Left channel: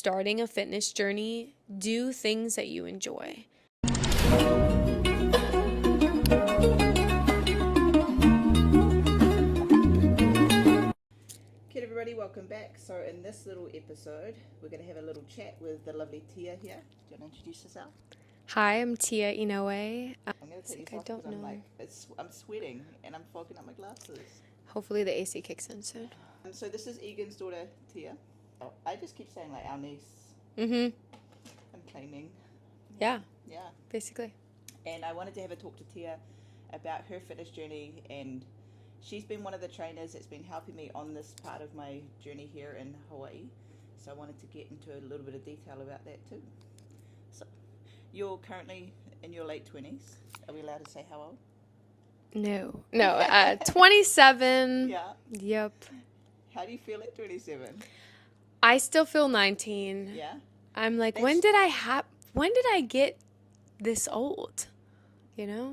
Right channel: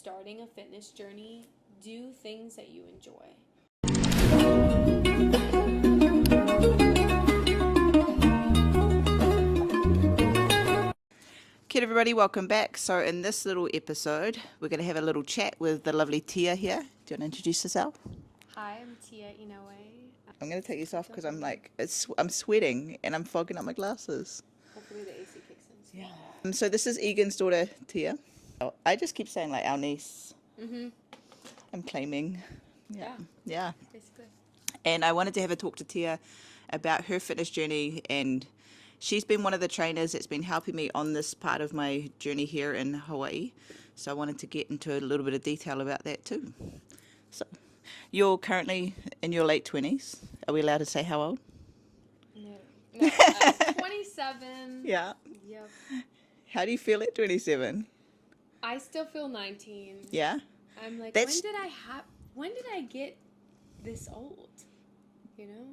starting a fitness journey, do things that you enjoy. Okay, everybody, welcome back. So in this little episode, we're going to have a little chat with the lovely Tia here. Do you want to introduce yourself? Hi, I'm Tia Inoue. I'm going to take this off because I'm sweating and I'm fogging up my glasses. Hopefully the AC kicks in soon. So this is Egan's daughter, Tia. Oh, I just keep saying like our niece. Mm-hmm. I'm claiming. Yeah, basically. And I wanted to have a talk to Tia about her fitness journey, and she's been one of the trainers that's been helping me on this part of my journey here in Hawaii. So I wanted to get into a little bit of detail about that too. So you're currently in your late 20s. Are we allowed to say how old? No, 27. Yeah. Yep. How do you feel at 27? I still feel 19. Yeah. I'm like, when did I get this old? You know?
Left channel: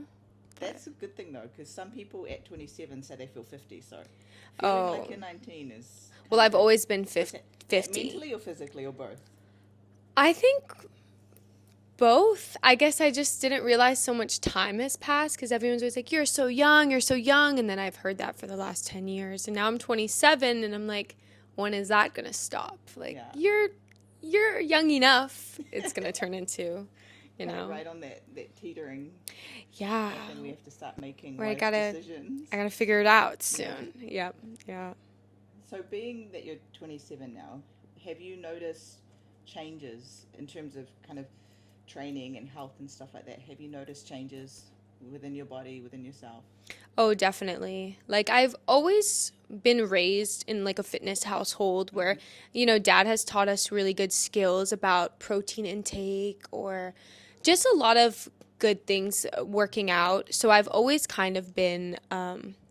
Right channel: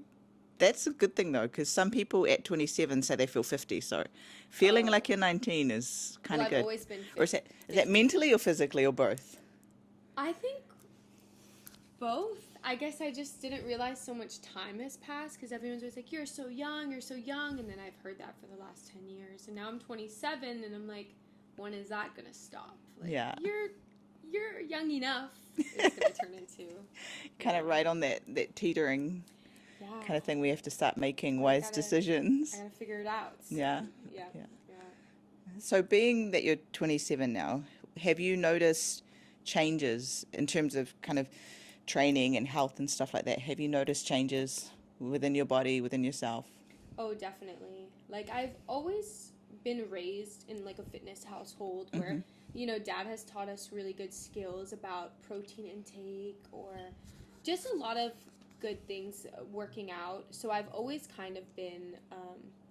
That's a good thing though, because some people at 27 say they feel 50. So feeling like you're 19 is kind of I've good. always been 50. Is that mentally or physically or both? I think both. I guess I just didn't realize so much time has passed because everyone's always like, you're so young. And then I've heard that for the last 10 years. And now I'm 27 and I'm like, when is that going to stop? Like, you're young enough. It's going to turn into, kind of right on that teetering kind of thing. We have to start making wise decisions. I got to figure it out soon. Yeah. So being that you're 27 now, have you noticed changes in terms of kind of training and health and stuff like that? Have you noticed changes within your body, within yourself? Oh, definitely. Like, I've always been raised in like a fitness household where, you know, dad has taught us really good skills about protein intake or just a lot of good things working out. So I've always kind of been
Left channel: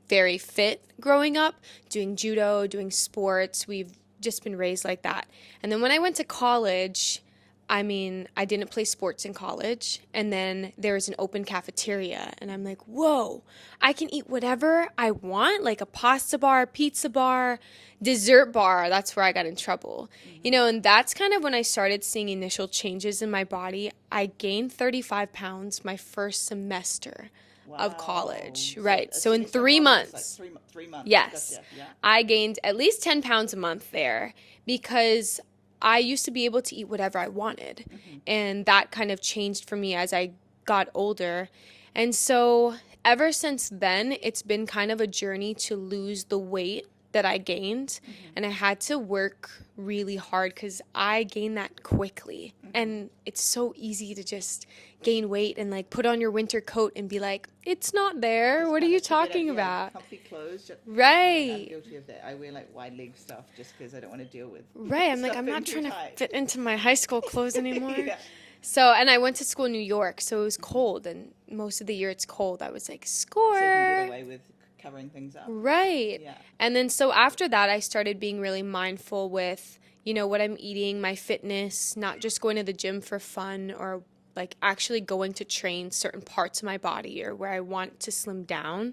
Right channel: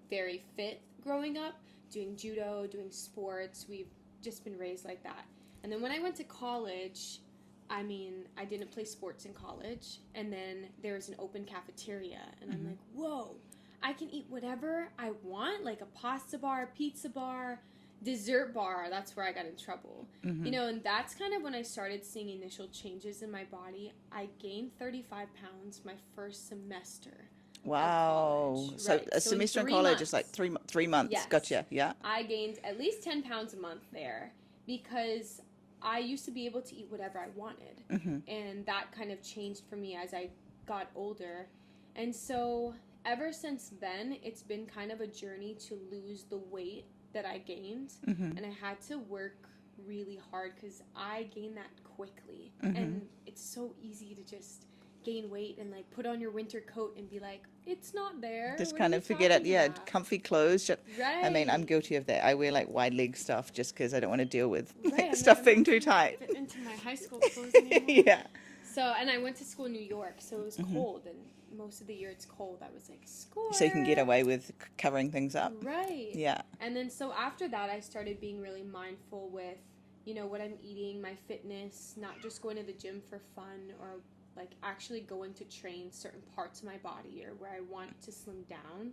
very fit growing up, doing judo, doing sports. We've just been raised like that. And then when I went to college, I mean, I didn't play sports in college, and then there was an open cafeteria, and I'm like, whoa, I can eat whatever I want, like a pasta bar, pizza bar, dessert bar. That's where I got in trouble. You know, and that's kind of when I started seeing initial changes in my body. I gained 35 pounds my first semester of college. Right. So in 3 months. Like 3 months. Yes. Gotcha. Yeah. I gained at least 10 pounds a month there because I used to be able to eat whatever I wanted. And that kind of changed for me as I got older. And so ever since then, it's been kind of a journey to lose the weight that I gained. And I had to work really hard because I gained that quickly. And it's so easy to just gain weight and like put on your winter coat and be like, it's not there. Just what are you talking about? Comfy clothes. Right. I mean, I'm guilty of that. I wear like wide leg stuff just because I don't want to deal with I'm stuff like, being I'm not too trying tight. to fit into my high school clothes anymore. Yeah. So, and I went to school in New York, so it was cold, and most of the year it's cold. I was like, score. So you can get away with covering things up. Right. Yeah. And then so after that, I started being really mindful with, you know, what I'm eating, my fitness, not just going to the gym for fun or like actually going to train certain parts of my body or where I want to slim down.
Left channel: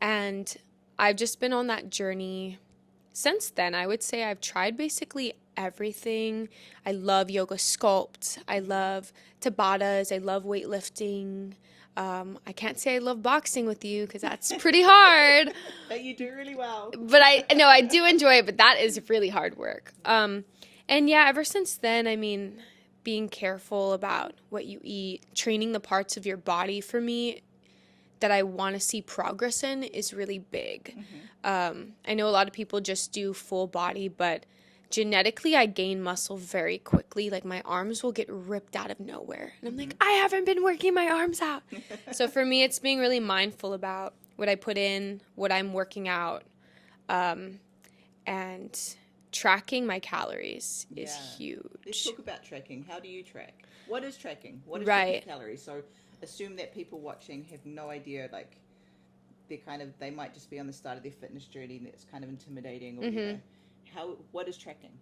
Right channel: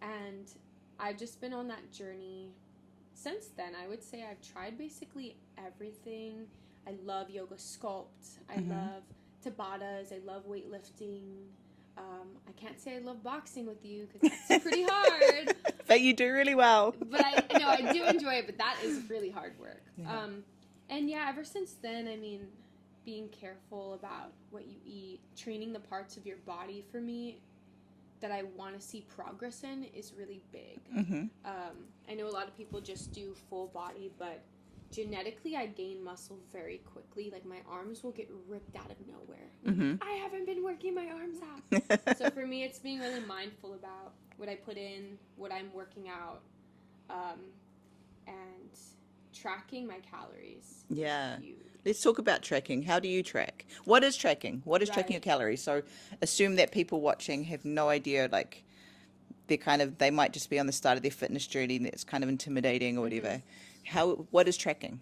And I've just been on that journey since then. I would say I've tried basically everything. I love yoga sculpt. I love Tabatas. I love weightlifting. I can't say I love boxing with you because that's pretty hard. But you do really well. But I do enjoy it, but that is really hard work. And yeah, ever since then, I mean, being careful about what you eat, training the parts of your body for me that I want to see progress in is really big. I know a lot of people just do full body, but genetically I gain muscle very quickly. Like my arms will get ripped out of nowhere. And I'm like, I haven't been working my arms out. So for me, it's being really mindful about what I put in, what I'm working out, and tracking my calories is huge. Let's talk about tracking. How do you track? What is tracking? What is tracking calories? So assume that people watching have no idea, like they might just be on the start of their fitness journey and it's kind of intimidating or whatever. What is tracking?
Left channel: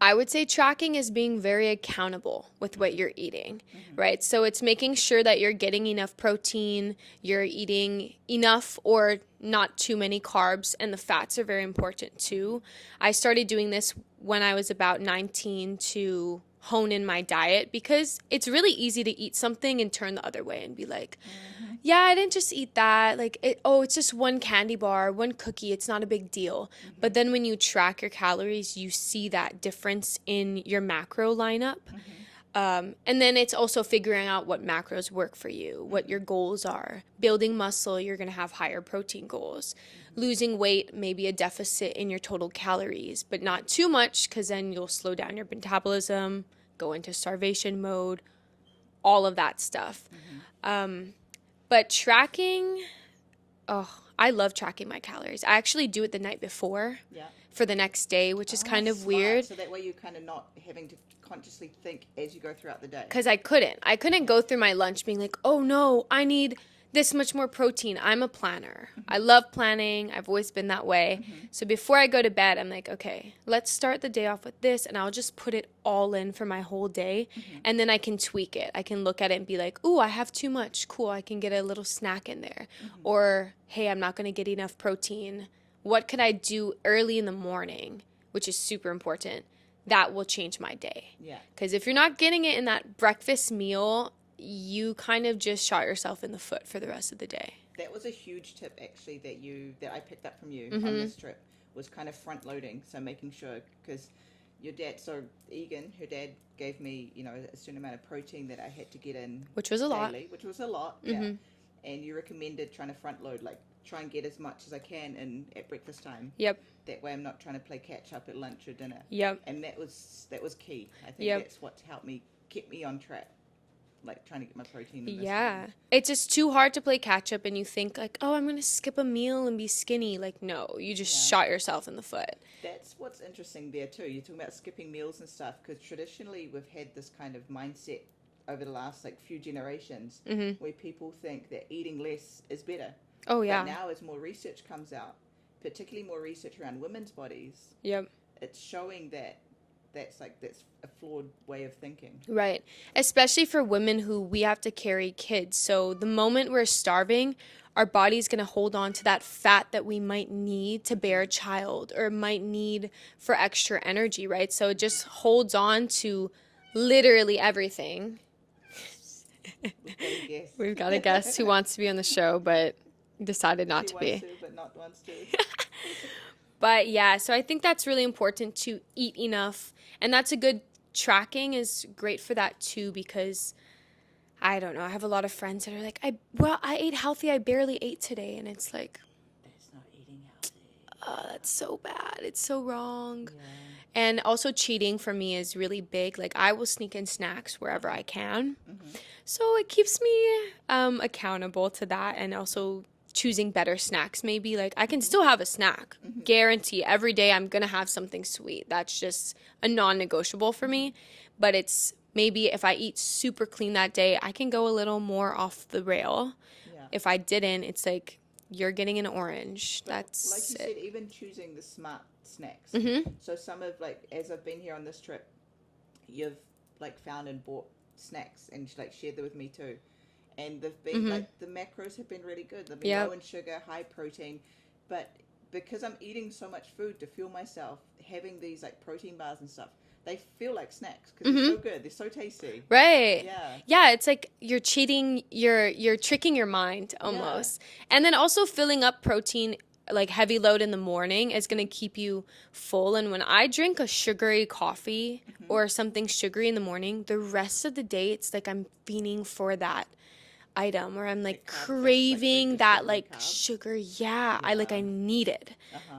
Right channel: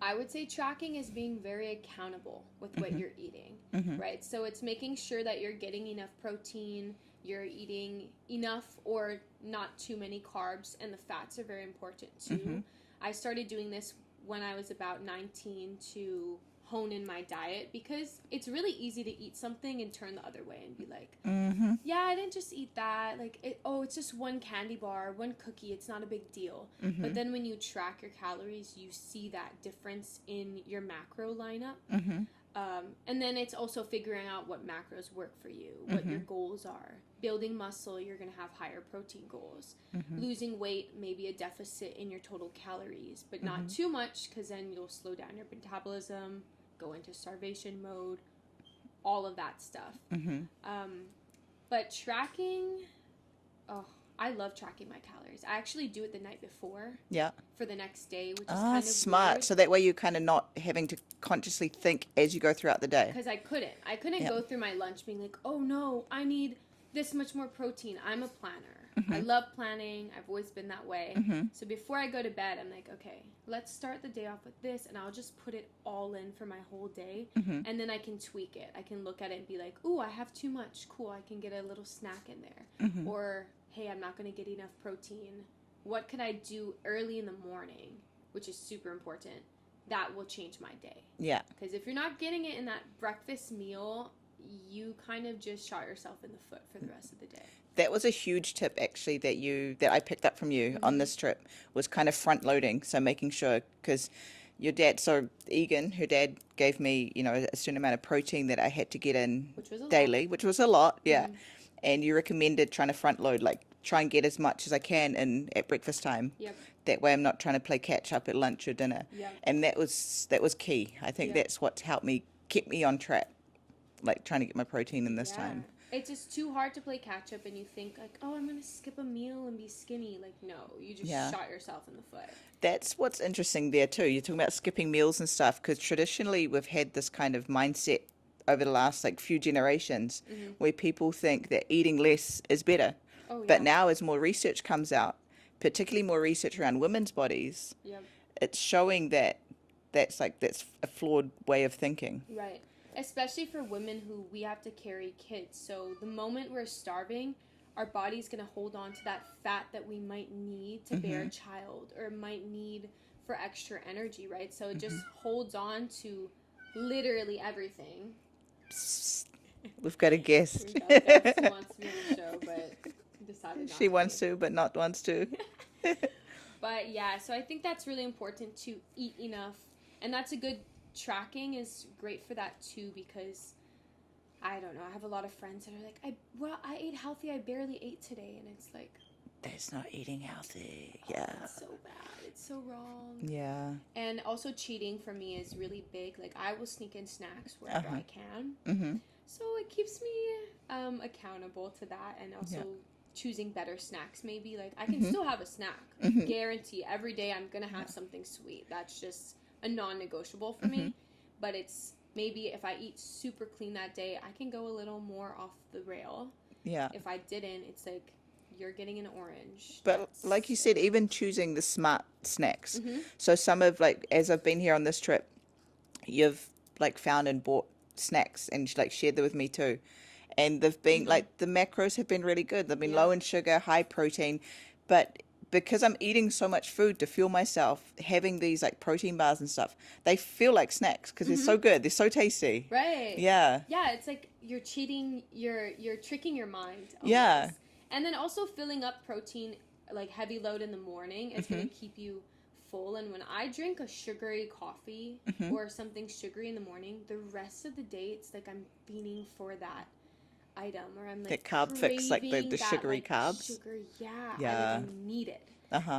I would say tracking is being very accountable with what you're eating, right? So it's making sure that you're getting enough protein, you're eating enough or not too many carbs, and the fats are very important too. I started doing this when I was about 19 to hone in my diet, because it's really easy to eat something and turn the other way and be like, yeah, I didn't just eat that. Like, it's just one candy bar, one cookie. It's not a big deal. But then when you track your calories, you see that difference in your macro lineup. And then it's also figuring out what macros work for you, what your goals are. Building muscle, you're going to have higher protein goals. Losing weight, maybe a deficit in your total calories, but not too much, because then you'll slow down your metabolism, go into starvation mode, all of that stuff. But tracking, I love tracking my calories. I actually do it the night before for the next day, which is kind of smart. weird. So that way you're kind of not having to consciously think as you go throughout the day. Because I couldn't go through my lunch being like, oh no, I need this much more protein. I'm a planner. I love planning. I've always been that way. So before I go to bed, I'm like, okay, let's start the day off with this, and I'll just put it all in for my whole day, and then I can tweak it. I can look at it and be like, ooh, I have too much. Cool, I can get a little snack in there. Or, hey, I'm not going to get enough protein. What could I do early in the morning, which is super important, that will change my day? Yeah. Because if you're not getting it in that breakfast meal, you kind of just shot yourself in the foot for the rest of the day. That was a huge tip, actually, that I picked up from you on this trip, was kind of front loading. So making sure, because your dad, so Egan, her dad gave me, a certain amount of protein that I had to get in, which was a daily, which was a lot, yeah. And you recommended trying to front load, like try and get as much as I can in at breakfast time. Yep. That way I'm not trying to play catch up at lunch or dinner. Yep. And that was key. I think that's what's helped me, kept me on track, like trying to get my protein in this time. It's just too hard to play catch up, and you think like, oh, I'm going to skip a meal and be skinny. Like, no, you just shot yourself in the foot. That's what's interesting there too. You're talking about skipping meals and stuff, because traditionally we've had this kind of mindset over the last few generations where people think that eating less is better. Oh, yeah. But now as more research comes out, particularly more research around women's bodies, it's showing that that's a flawed way of thinking. Right. Especially for women who we have to carry kids. So the moment we're starving, our body's going to hold on to that fat that we might need to bear a child or might need for extra energy, right? So it just holds on to literally everything. We've got a guest. We've got a guest who wants to be on the show, but decided not to be. She wants to, but not wants to. But yeah, so I think that's really important, to eat enough. And that's a good, tracking is great for that too, because I don't know, I have a lot of friends that are like, I ate healthy, I barely ate today. And it's like, that's not eating healthy. That's so bad. It's so wrong. Yeah. And also cheating for me is really big. Like, I will sneak in snacks wherever I can. So it keeps me accountable to that, and also choosing better snacks maybe. Like, I can still have a snack. Guarantee every day I'm going to have something sweet. That's just a non-negotiable for me. But it's maybe if I eat super clean that day, I can go a little more off the rail. Yeah. If I didn't, it's like, you're getting an orange. But that's like you said, even choosing the smart snacks. Mm-hmm. So some of, as I've been here on this trip, you've found and bought snacks and shared them with me too. And they've been the macros have been really good. They've been low in sugar, high protein. But because I'm eating so much food to fuel myself, having these protein bars and stuff, they feel like snacks because they're so good. They're so tasty. Right. Yeah. Yeah, it's like you're cheating, you're tricking your mind almost. Yeah. And then also filling up protein, like heavy load in the morning, is going to keep you full. And when I drink a sugary coffee or something sugary in the morning, the rest of the day it's like I'm fiending for that item, where I'm craving the that carbs. sugar. I need it.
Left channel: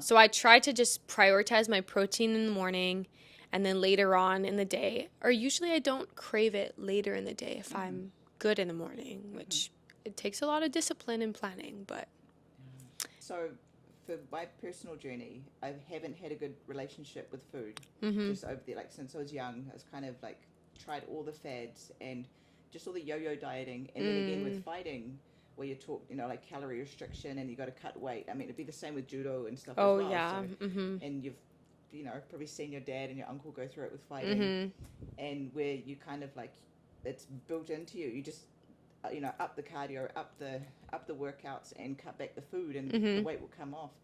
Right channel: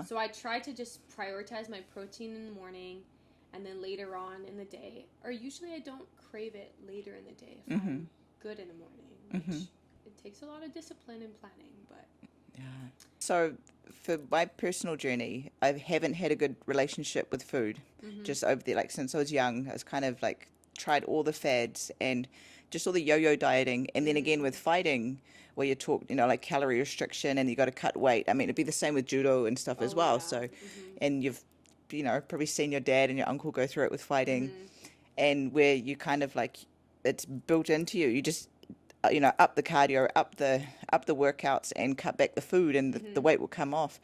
So I try to just prioritize my protein in the morning, and then later on in the day, or usually I don't crave it later in the day if I'm good in the morning, which it takes a lot of discipline and planning. But so for my personal journey, I haven't had a good relationship with food. Just over there, since I was young, I was kind of tried all the fads and just all the yo-yo dieting, and then again with fighting, where you talk, calorie restriction, and you got to cut weight. I mean, it'd be the same with judo and stuff as well. Yeah. So, and you've, probably seen your dad and your uncle go through it with fighting, and where you kind of it's built into you. You just, up the cardio, up the workouts, and cut back the food, and the weight will come off,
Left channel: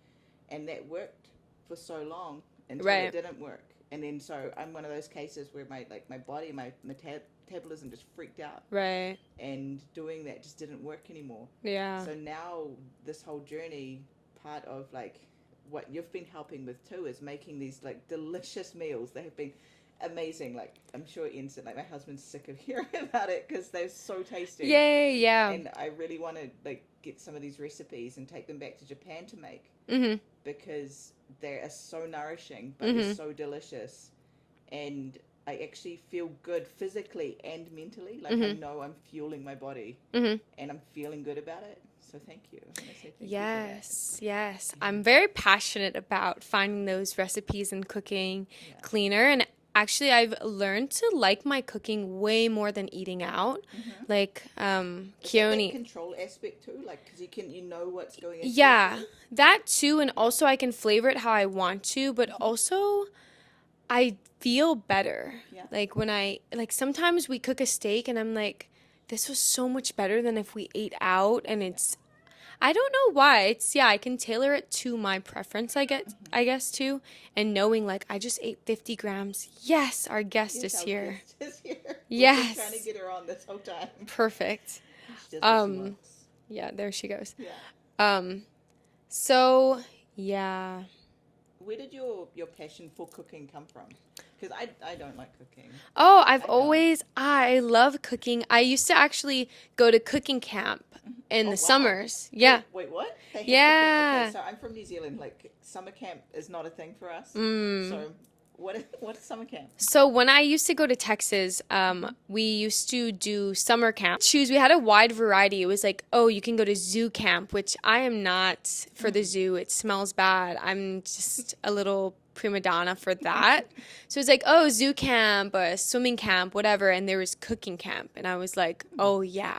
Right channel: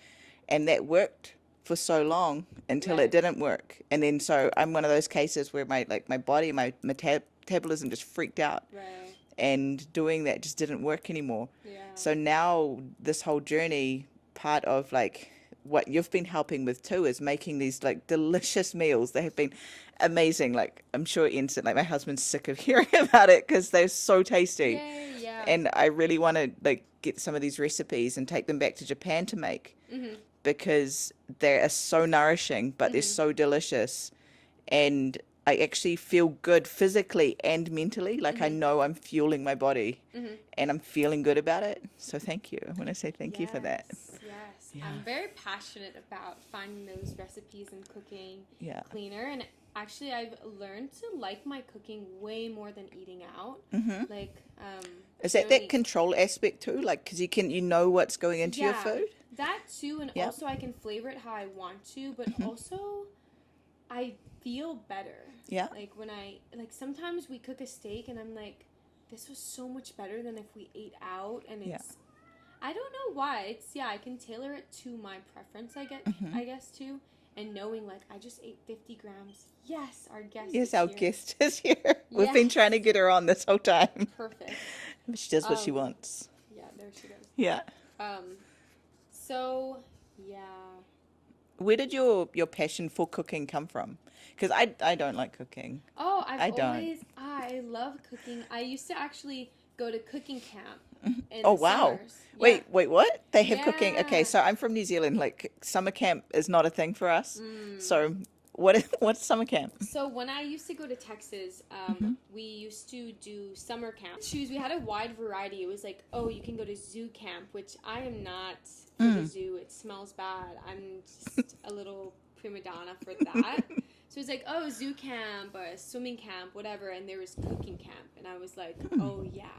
and that worked for so long until Right. it didn't work. And then so I'm one of those cases where my body, my metabolism just freaked out, Right. and doing that just didn't work anymore. Yeah. So now this whole journey, part of like what you've been helping with too, is making these like delicious meals. They have been amazing. Like I'm sure instant, like my husband's sick of hearing about it because they're so tasty. Yay, yeah. And I really want to like get some of these recipes and take them back to Japan to make, because they are so nourishing, but they're so delicious. And I actually feel good physically and mentally. Like I know I'm fueling my body and I'm feeling good about it. So thank you. I want to say thank you for that. Yes, yes. I'm very passionate about finding those recipes and cooking cleaner. And actually, I've learned to like my cooking way more than eating out. Like, Is that control aspect too? Like, because you know what's going into your food? That too. And also I can flavor it how I want to, but also I feel better. Yeah. Like when sometimes we cook a steak and I'm like, this was so much better than if we ate out. And it's, I don't know why. It's, I can tailor it to my preference, I guess too. And knowing like, I just ate 50 grams. Yes, our guest is our here. guest is here. We've been trying to get her on this whole time. Perfect. She does what she wants. Yeah, there she goes. Yeah. So, yeah. Where did your passion for cooking come from? Because I don't like cooking. Oh, I love cooking. I used to actually go to cooking camp in the summers. Yeah. Wait, what? They have cooking. Okay, so I'm from New Zealand. Like, summer camp is not a thing for us. So what's summer camp? So when I used to go to Texas, we used to do summer camp. We had a wide variety. It was like, oh, you can go to zoo camp, which I am not for the zoo. It smells bad. I'm just a little prima donna for that. So it's like, oh, zoo camp, swimming camp, whatever. And there was cooking camp. And I was like, oh, yeah.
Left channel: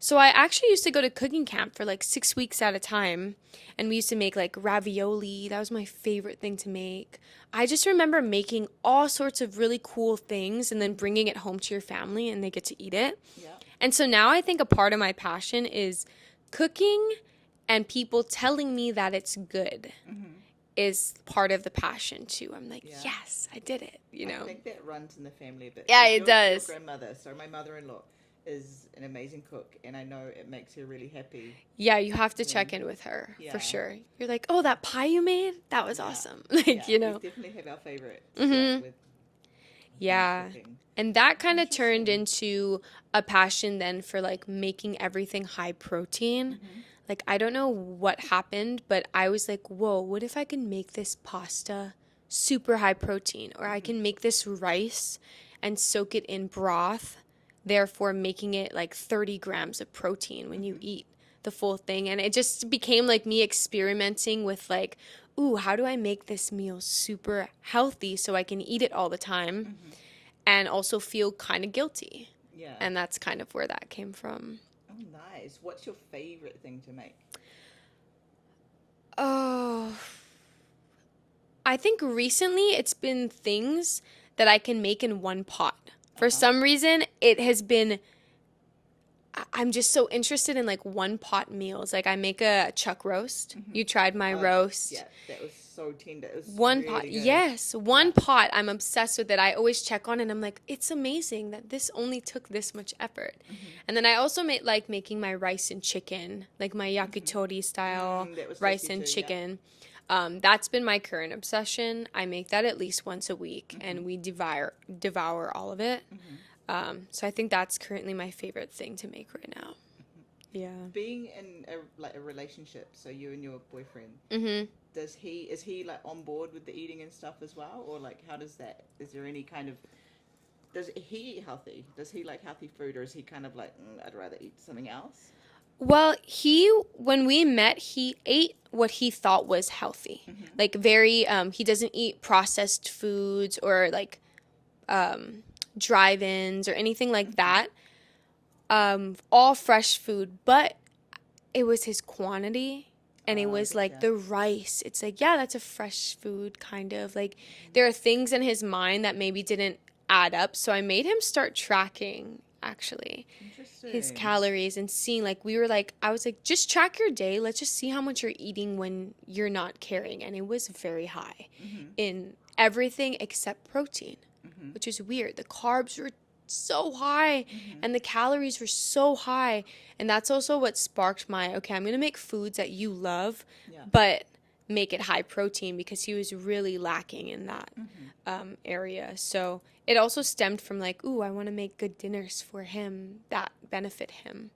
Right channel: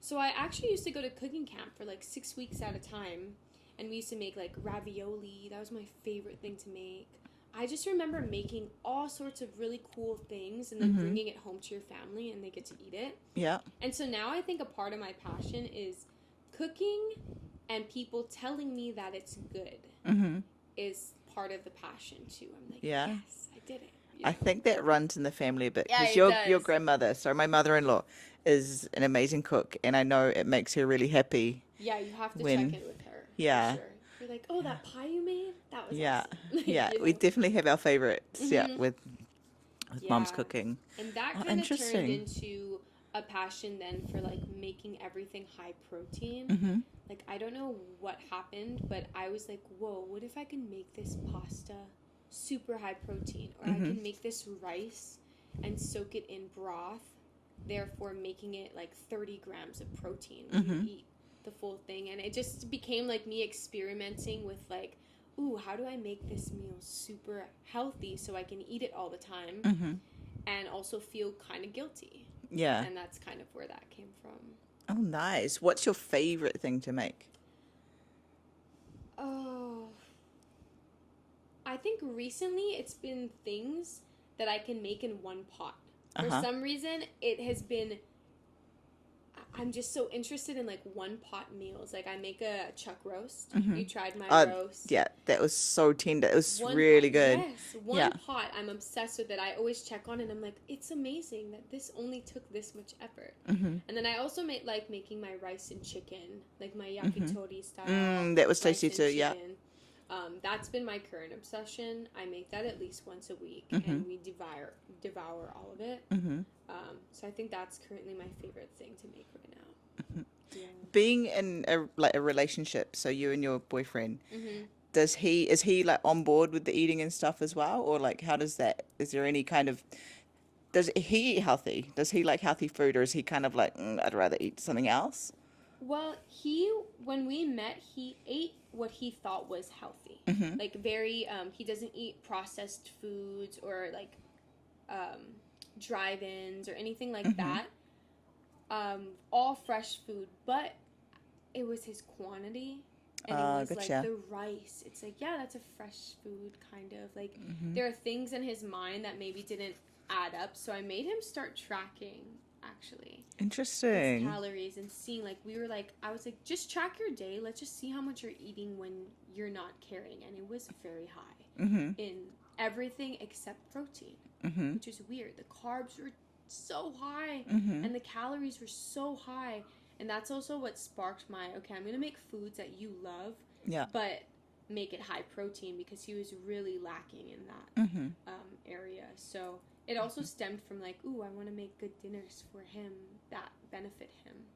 So I actually used to go to cooking camp for like 6 weeks at a time. And we used to make like ravioli. That was my favorite thing to make. I just remember making all sorts of really cool things and then bringing it home to your family and they get to eat it. Yeah. And so now I think a part of my passion is cooking and people telling me that it's good is part of the passion too. I'm like, yes, I did it. You know? I think that runs in the family a bit. Yeah, it does. Your grandmother, so my mother-in-law, is an amazing cook, and I know it makes her really happy. Yeah, you have to check in with her for sure. You're like, oh, that pie you made? That was awesome. Like, you know? We definitely have our favorites with mom's cooking. And that kind of turned into a passion then for like making everything high protein. Like, I don't know what happened, but I was like, whoa, what if I can make this pasta super high protein? Or I can make this rice and soak it in broth, therefore making it like 30 grams of protein when you eat the full thing. And it just became like me experimenting with like, ooh, how do I make this meal super healthy so I can eat it all the time and also feel kind of guilty. Yeah. And that's kind of where that came from. Oh, nice. What's your favorite thing to make? Oh, I think recently it's been things that I can make in one pot. For some reason, it has been, I'm just so interested in like one pot meals. Like I make a chuck roast. You tried my roast. Yeah, that was so tender. It was One really pot, good. yes, one pot. I'm obsessed with it. I always check on it and I'm like, it's amazing that this only took this much effort. And then I also like making my rice and chicken, like my yakitori style that was rice tasty and too, chicken. That's been my current obsession. I make that at least once a week and we devour all of it. So I think that's currently my favorite thing to make right now. Yeah. Being in a relationship, so you and your boyfriend, is he like on board with the eating and stuff as well? Or like, how does that, is there any kind of, does he eat healthy? Does he like healthy food, or is he kind of like, I'd rather eat something else? Well, when we met, he ate what he thought was healthy. Like very, he doesn't eat processed foods or like drive-ins or anything like that. All fresh food, but it was his quantity. And it was like the rice. It's like, yeah, that's a fresh food kind of. Like there are things in his mind that maybe didn't add up. So I made him start tracking actually. Interesting. His calories, and seeing, like, I was like, just track your day. Let's just see how much you're eating when you're not carrying. And it was very high in everything except protein, which is weird. The carbs were so high and the calories were so high. And that's also what sparked my, okay, I'm going to make foods that you love, but make it high protein, because he was really lacking in that area. So it also stemmed from like, ooh, I want to make good dinners for him that benefit him.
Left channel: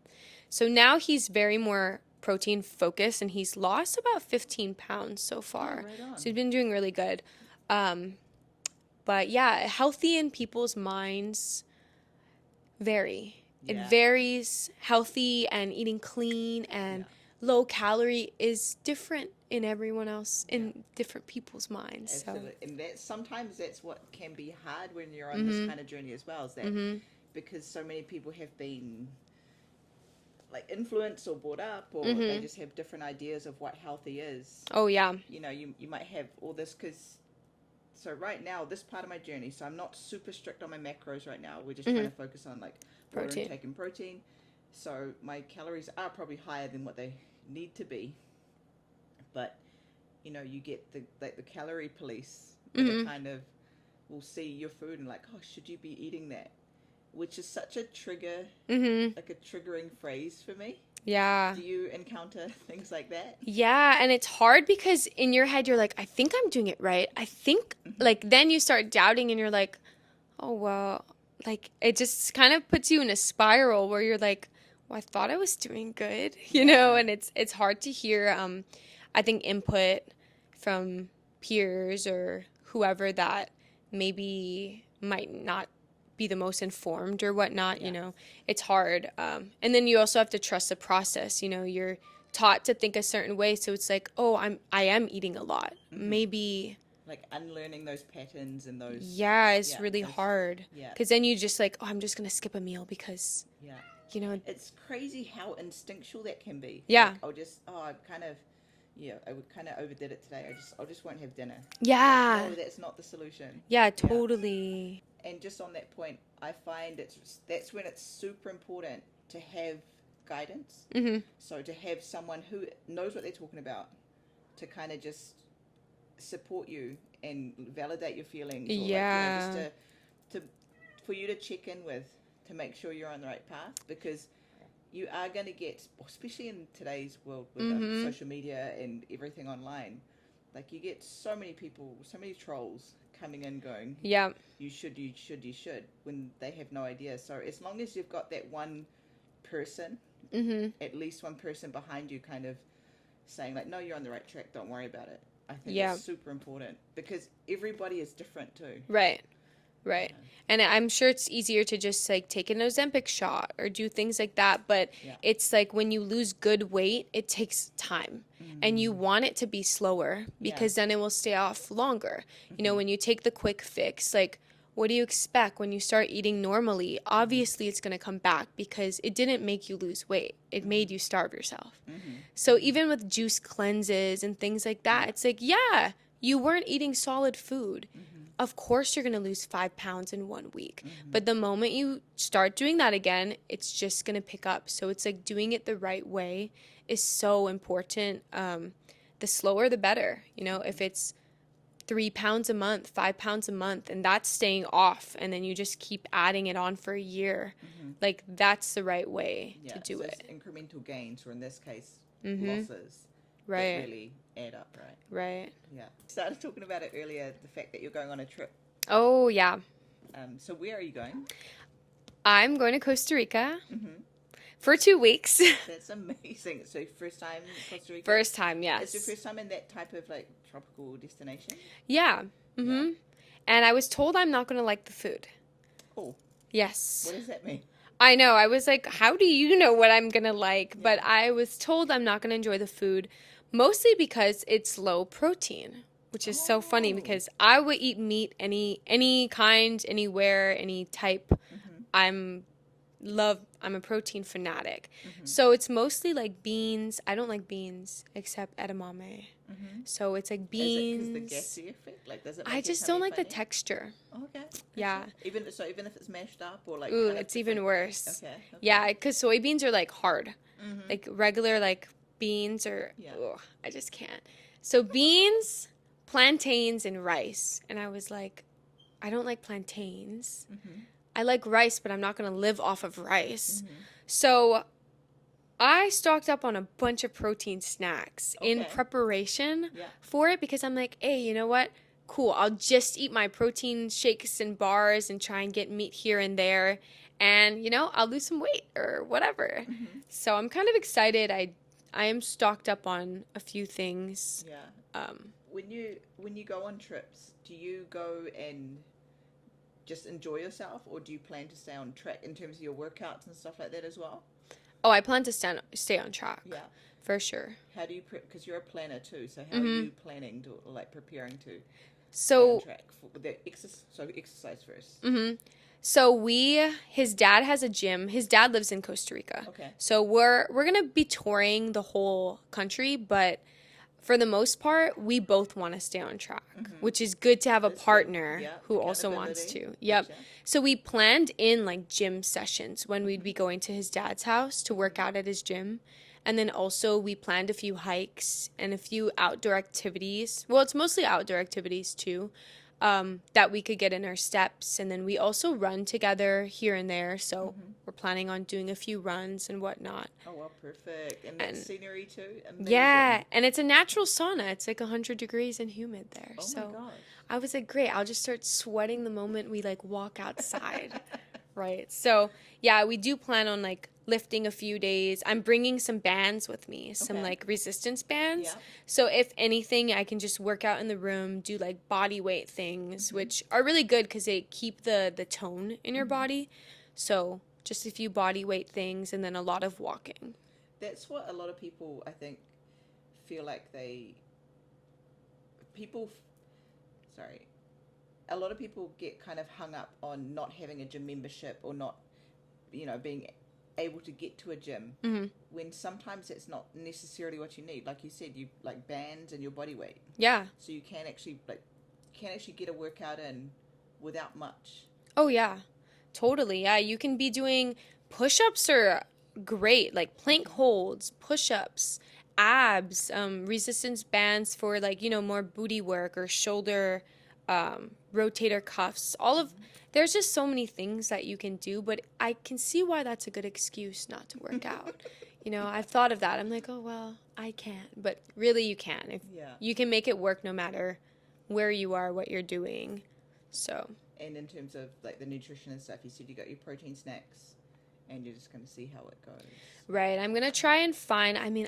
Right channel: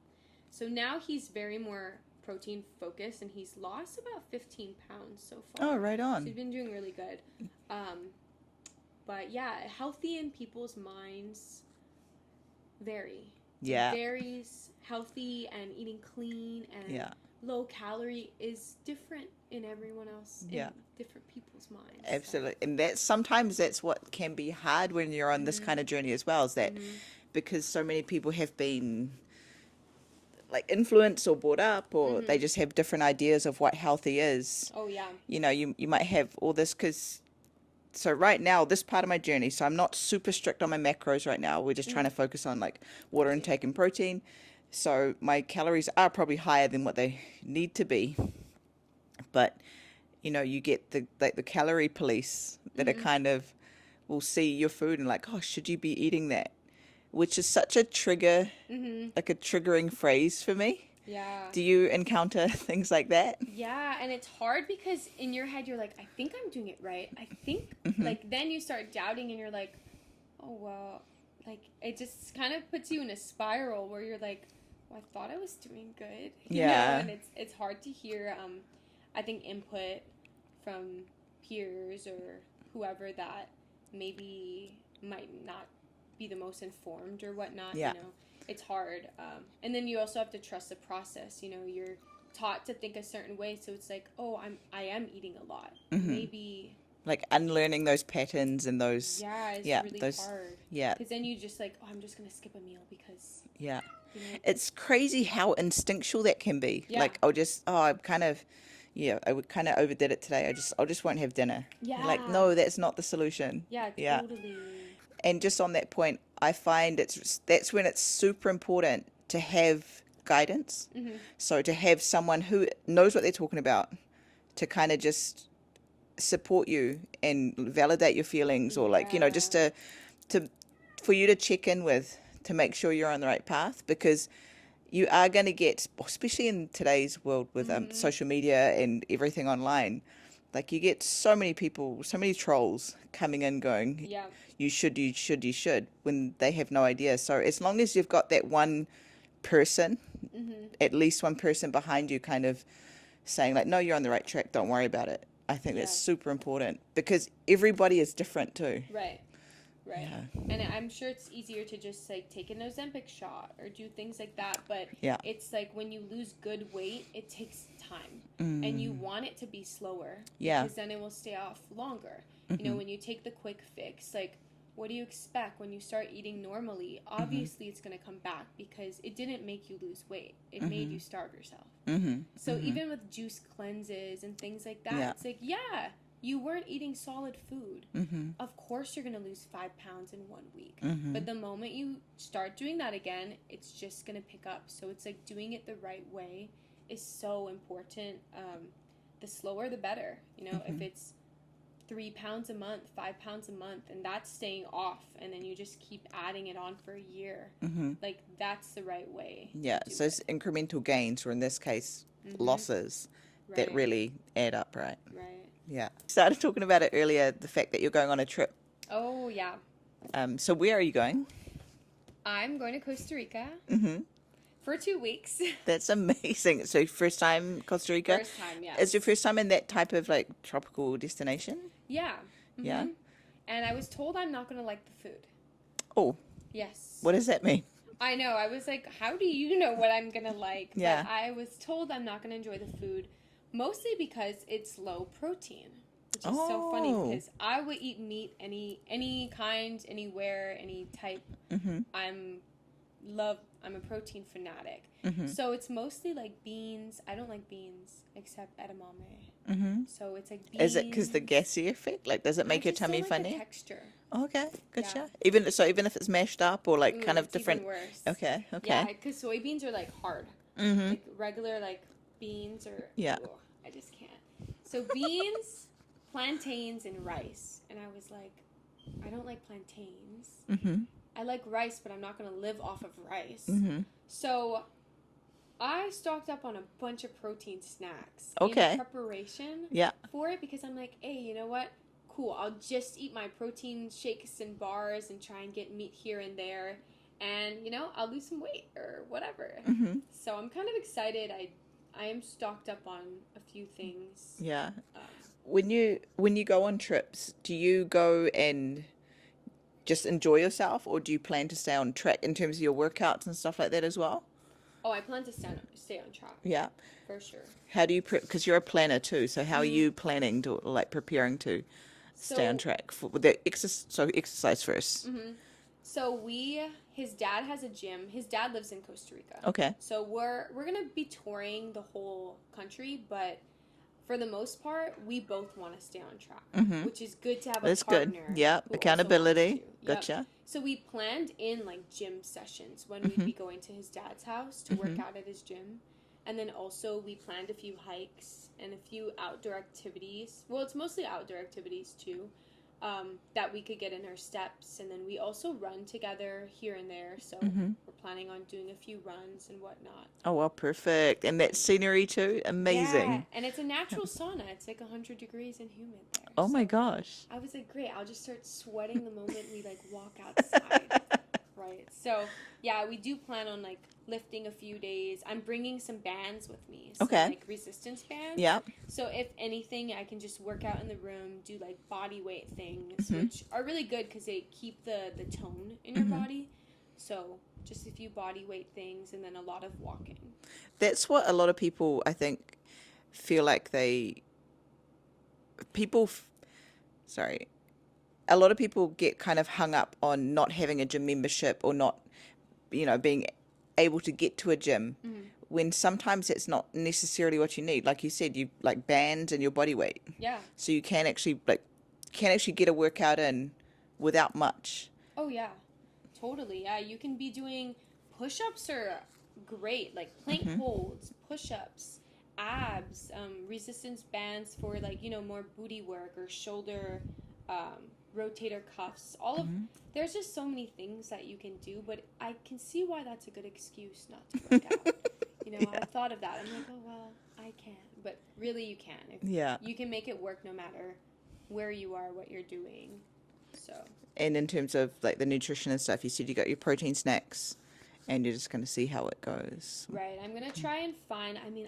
So now he's very more protein focused, and he's lost about 15 pounds so far. Oh, right on. So he's been doing really good. But yeah, healthy in people's minds vary. Yeah. It varies. Healthy and eating clean and low calorie is different in everyone else, in different people's minds. Absolutely. So. And sometimes that's what can be hard when you're on this kind of journey as well, is that because so many people have been like influenced or brought up, or they just have different ideas of what healthy is. Oh, yeah. You know, you might have all this so right now, this part of my journey, so I'm not super strict on my macros right now. We're just trying to focus on like water intake and protein. So my calories are probably higher than what they need to be. But, you know, you get the calorie police that are kind of will see your food and like, oh, should you be eating that? Which is such a trigger, like a triggering phrase for me. Yeah. Do you encounter things like that? Yeah, and it's hard because in your head you're like, I think I'm doing it right. I think, like, then you start doubting and you're like, oh, well, like, it just kind of puts you in a spiral where you're like, well, I thought I was doing good, you know, and it's hard to hear, I think, input from peers or whoever that maybe might not be the most informed or whatnot, you know, it's hard. And then you also have to trust the process. You know, you're taught to think a certain way. So it's like, oh, I am eating a lot. Maybe like unlearning those patterns and those. Yeah, it's really hard. Yeah. Because then you just like, oh, I'm just going to skip a meal because, you know. It's crazy how instinctual that can be. Yeah. Like, I kind of overdid it today. I just won't have dinner. Yeah. Like, no, that's not the solution. Yeah, totally. And just on that point, I find that's when it's super important to have guidance. So to have someone who knows what they're talking about to kind of just support you and validate your feelings, or like, you know, just to for you to check in with, to make sure you're on the right path, because you are going to get, especially in today's world with social media and everything online, like you get so many people, so many trolls coming in going, you should, when they have no idea. So as long as you've got that one person, at least one person behind you kind of saying like, no, you're on the right track, don't worry about it. I think that's super important, because everybody is different too. Right. And I'm sure it's easier to just like take an Ozempic shot or do things like that, but it's like when you lose good weight, it takes time, and you want it to be slower because then it will stay off longer. You know, when you take the quick fix, like, what do you expect when you start eating normally? Obviously it's going to come back because it didn't make you lose weight. It made you starve yourself. So even with juice cleanses and things like that, it's like, you weren't eating solid food. Of course you're going to lose 5 pounds in 1 week. But the moment you start doing that again, it's just going to pick up. So it's like doing it the right way is so important. The slower, the better. You know, if it's 3 pounds a month, 5 pounds a month, and that's staying off, and then you just keep adding it on for a year, like that's the right way to do so it. it's incremental gains, or in this case, losses. Right. That really add up, right? Right. Yeah. Started talking about it earlier, the fact that you're going on a trip. Oh, yeah. So where are you going? I'm going to Costa Rica for 2 weeks. That's amazing. So first time Costa Rica? First time, yes. Is your first time in that type of like tropical destination? Yeah. Yeah. And I was told I'm not going to like the food. Oh. Yes. What does that mean? I know. I was like, how do you know what I'm going to like? But I was told I'm not going to enjoy the food. Mostly because it's low protein, which is so funny because I would eat meat any kind, anywhere, any type. I'm I'm a protein fanatic. So it's mostly like beans. I don't like beans except edamame. So it's like beans. Is it because the gassy effect? Like, does it I make your just tummy don't like funny? the texture. Okay, Yeah. gotcha. Even if it's mashed up or like Ooh, kind of it's different. even worse. Okay. Yeah, because soybeans are like hard. Like regular like beans or Yeah. ugh, I just can't. So beans, plantains, and rice. And I was like, I don't like plantains. I like rice, but I'm not going to live off of rice. So I stocked up on a bunch of protein snacks in preparation for it because I'm like, hey, you know what? Cool. I'll just eat my protein shakes and bars and try and get meat here and there. And, you know, I'll lose some weight or whatever. So I'm kind of excited. I am stocked up on a few things. Yeah. When you go on trips, do you go and just enjoy yourself, or do you plan to stay on track in terms of your workouts and stuff like that as well? Oh, I plan to stay on track. Yeah. For sure. How do you prep? Because you're a planner too. So how are you planning to like preparing to stay on track for the exercise? So exercise first. So his dad has a gym. His dad lives in Costa Rica. Okay. So we're gonna be touring the whole country, but for the most part, we both want to stay on track, which is good to have That's a partner good. who Accountability. also wants to. Yep. Gotcha. So we planned in like gym sessions when we'd be going to his dad's house to work out at his gym. And then also we planned a few hikes and a few outdoor activities. Well, it's mostly outdoor activities too, that we could get in our steps. And then we also run together here and there. So we're planning on doing a few runs and whatnot. Oh, well, perfect. And that scenery too? Amazing. Yeah, and it's a natural sauna. It's like 100 degrees and humid there. Oh my So gosh. I was like, great, I'll just start sweating the moment we like walk outside. Right. So yeah, we do plan on like lifting a few days. I'm bringing some bands with me, some like resistance bands. Yeah. So if anything, I can just work out in the room, do like body weight things, which are really good because they keep the tone in your body. So just a few body weight things and then a lot of walking. That's what a lot of people, I think, feel like a lot of people get kind of hung up on not having a gym membership or not, being able to get to a gym when sometimes it's not necessarily what you need. Like you said, you like bands and your body weight. Yeah. So you can actually get a workout in without much. Oh yeah, totally. Yeah, you can be doing push-ups are great, like plank holds, push-ups, abs, resistance bands for like, more booty work or shoulder rotator cuffs. All of there's just so many things that you can do, but I can see why that's a good excuse not to work out. I've thought of that. I'm like, oh well, I can't, but really you can. You can make it work no matter where you are, what you're doing. So. And in terms of like the nutrition and stuff, you said you got your protein snacks and you're just going to see how it goes. Right. I'm going to try and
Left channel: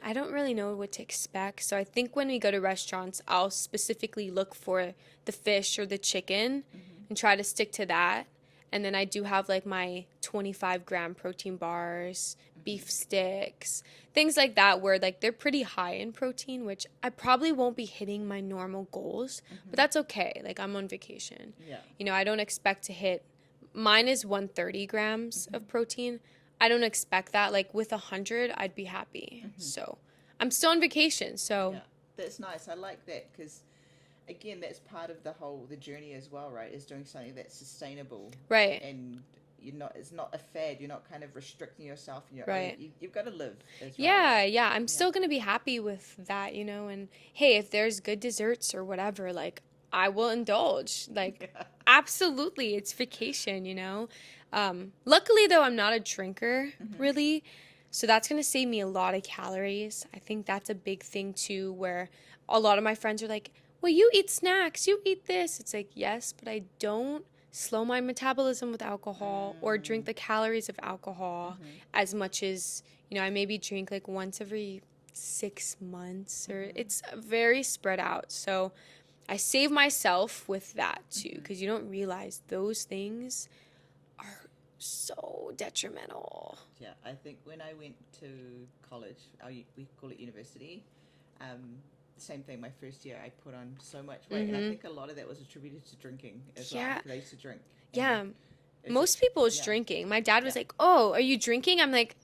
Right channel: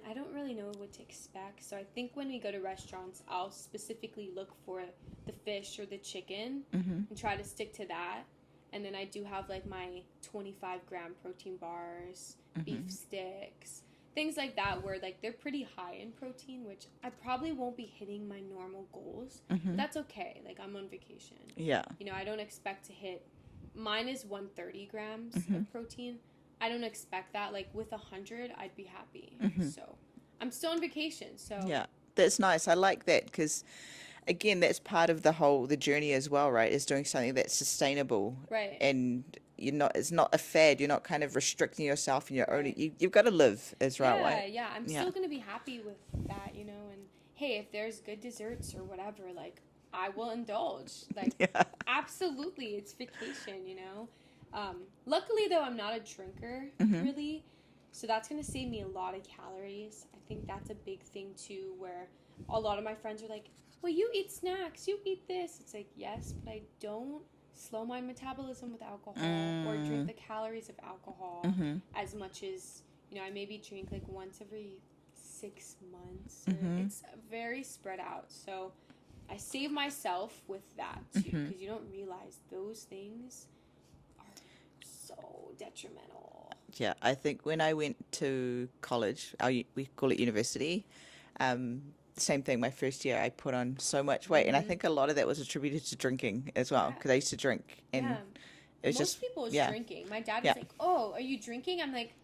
I don't really know what to expect. So I think when we go to restaurants, I'll specifically look for the fish or the chicken and try to stick to that. And then I do have like my 25-gram protein bars, beef sticks, things like that where like they're pretty high in protein, which I probably won't be hitting my normal goals, but that's okay. Like I'm on vacation. Yeah. I don't expect to hit, mine is 130 grams of protein. I don't expect that. Like with 100, I'd be happy. So I'm still on vacation. So yeah, that's nice. I like that because again, that's part of the journey as well, right? Is doing something that's sustainable. Right. And it's not a fad. You're not kind of restricting yourself in your Right. own. You've got to live as well. Yeah, right? yeah. I'm still going to be happy with that, and hey, if there's good desserts or whatever, like I will indulge. Like absolutely. It's vacation, Luckily though, I'm not a drinker really. So that's going to save me a lot of calories. I think that's a big thing too, where a lot of my friends are like, well, you eat snacks, you eat this. It's like, yes, but I don't slow my metabolism with alcohol or drink the calories of alcohol as much as, I maybe drink like once every 6 months or it's very spread out. So I save myself with that too, because you don't realize those things are so detrimental. Yeah, I think when I went to college, we call it university, same thing. My first year, I put on so much weight, and I think a lot of that was attributed to drinking as well, because I used to drink. And It's Most just, people is yeah. drinking. My dad was Yeah. like, "Oh, are you drinking?" I'm like,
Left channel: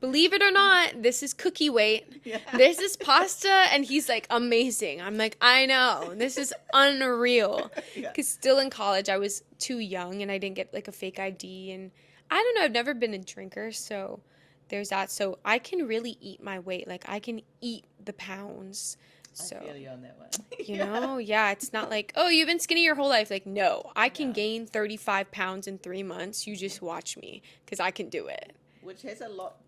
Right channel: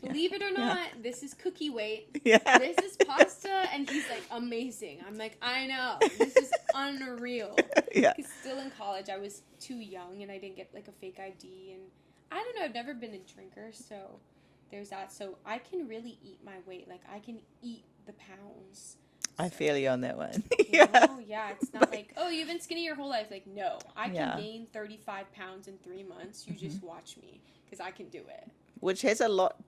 "Believe it or not, this is cookie weight. Yeah. This is pasta." And he's like, "Amazing." I'm like, "I know. This is unreal." Yeah. Because still in college, I was too young and I didn't get like a fake ID. And I don't know, I've never been a drinker. So there's that. So I can really eat my weight. Like I can eat the pounds. I So, feel you on that one. you know, yeah, it's not like, oh, you've been skinny your whole life. Like, no, I can Yeah. gain 35 pounds in 3 months. You just watch me because I can do it. Which has a lot,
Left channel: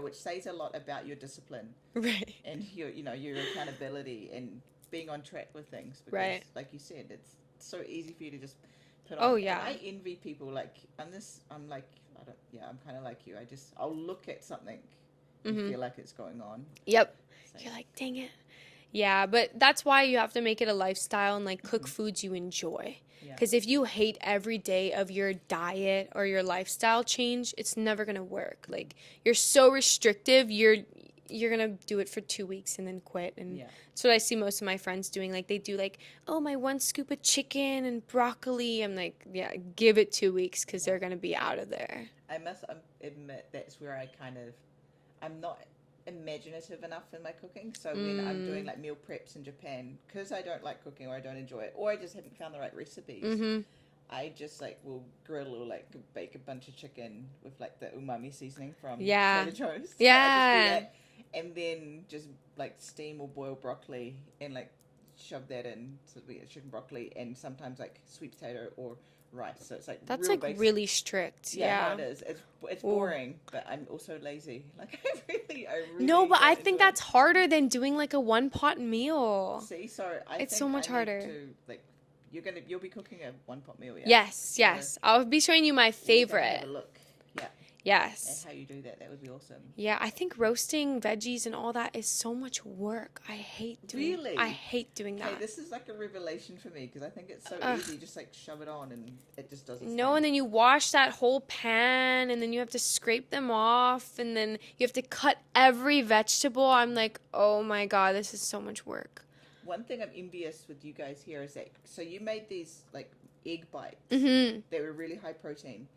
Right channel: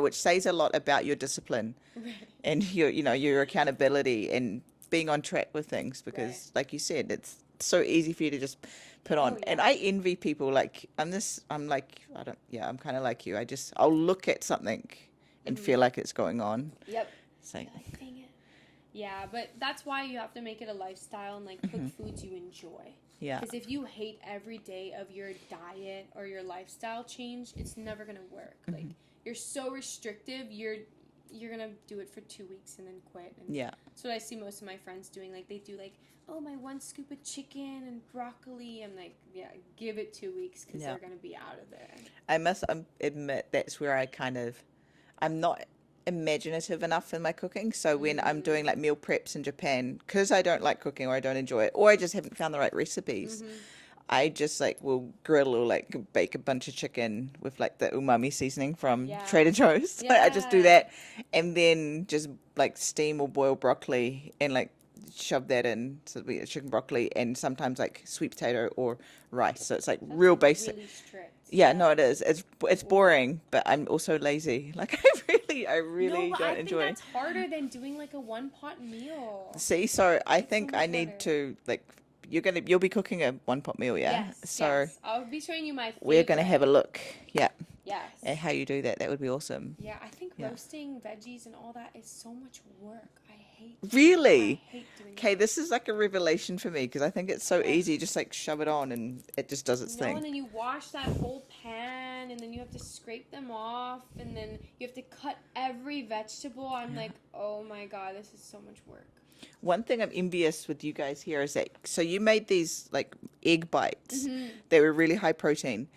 which says a lot about your discipline Right. and your accountability and being on track with things. Because, Right. like you said, it's so easy for you to just put on. Oh, yeah. And I envy people. Like I'm kind of like you. I'll look at something and feel like it's going on. Yep. So, You're like, dang it. Yeah, but that's why you have to make it a lifestyle and like cook foods you enjoy. yeah. Because if you hate every day of your diet or your lifestyle change, it's never gonna work. Like you're so restrictive, you're gonna do it for 2 weeks and then quit. And Yeah. that's what I see most of my friends doing. Like they do like, oh, my 1 scoop of chicken and broccoli. I'm like, yeah, give it 2 weeks because Yeah. they're gonna be out of there. I must admit that's where I'm not imaginative enough in my cooking. So when I'm doing like meal preps in Japan, because I don't like cooking or I don't enjoy it, or I just haven't found the right recipes, I just like will grill or like bake a bunch of chicken with like the umami seasoning from Yeah. Trader Joe's. Yeah. I just do that, and then just like steam or boil broccoli and like shove that in. So we get chicken broccoli and sometimes like sweet potato or rice. So it's like That's real like basic. really strict. Yeah, no, it is. It's boring, but I'm also lazy. Like I really. No, but I don't think enjoy that's harder than doing like a 1-pot meal. See, so I It's so think much I harder. need to like. You'll be cooking a 1-pot meal, yeah. Yes, So yes. I'll be showing you my favorite. we're gonna have a look, yeah, Yes. at how you do that. That would be awesome. Yeah, I think roasting veggies and all that is so much work. I hate Really? I hate doing that. Okay, this is like a revelation for me because I think it's so easy, just like shove it on and it just does its No, thing. and then you wash that whole pan and then you have to scrape them off and then you have to cut every vegetable. I'm like, oh my God, this is so much work. One thing I'm envious with you guys here is that so you made these like egg bites. Mm-hmm. They were really high protein,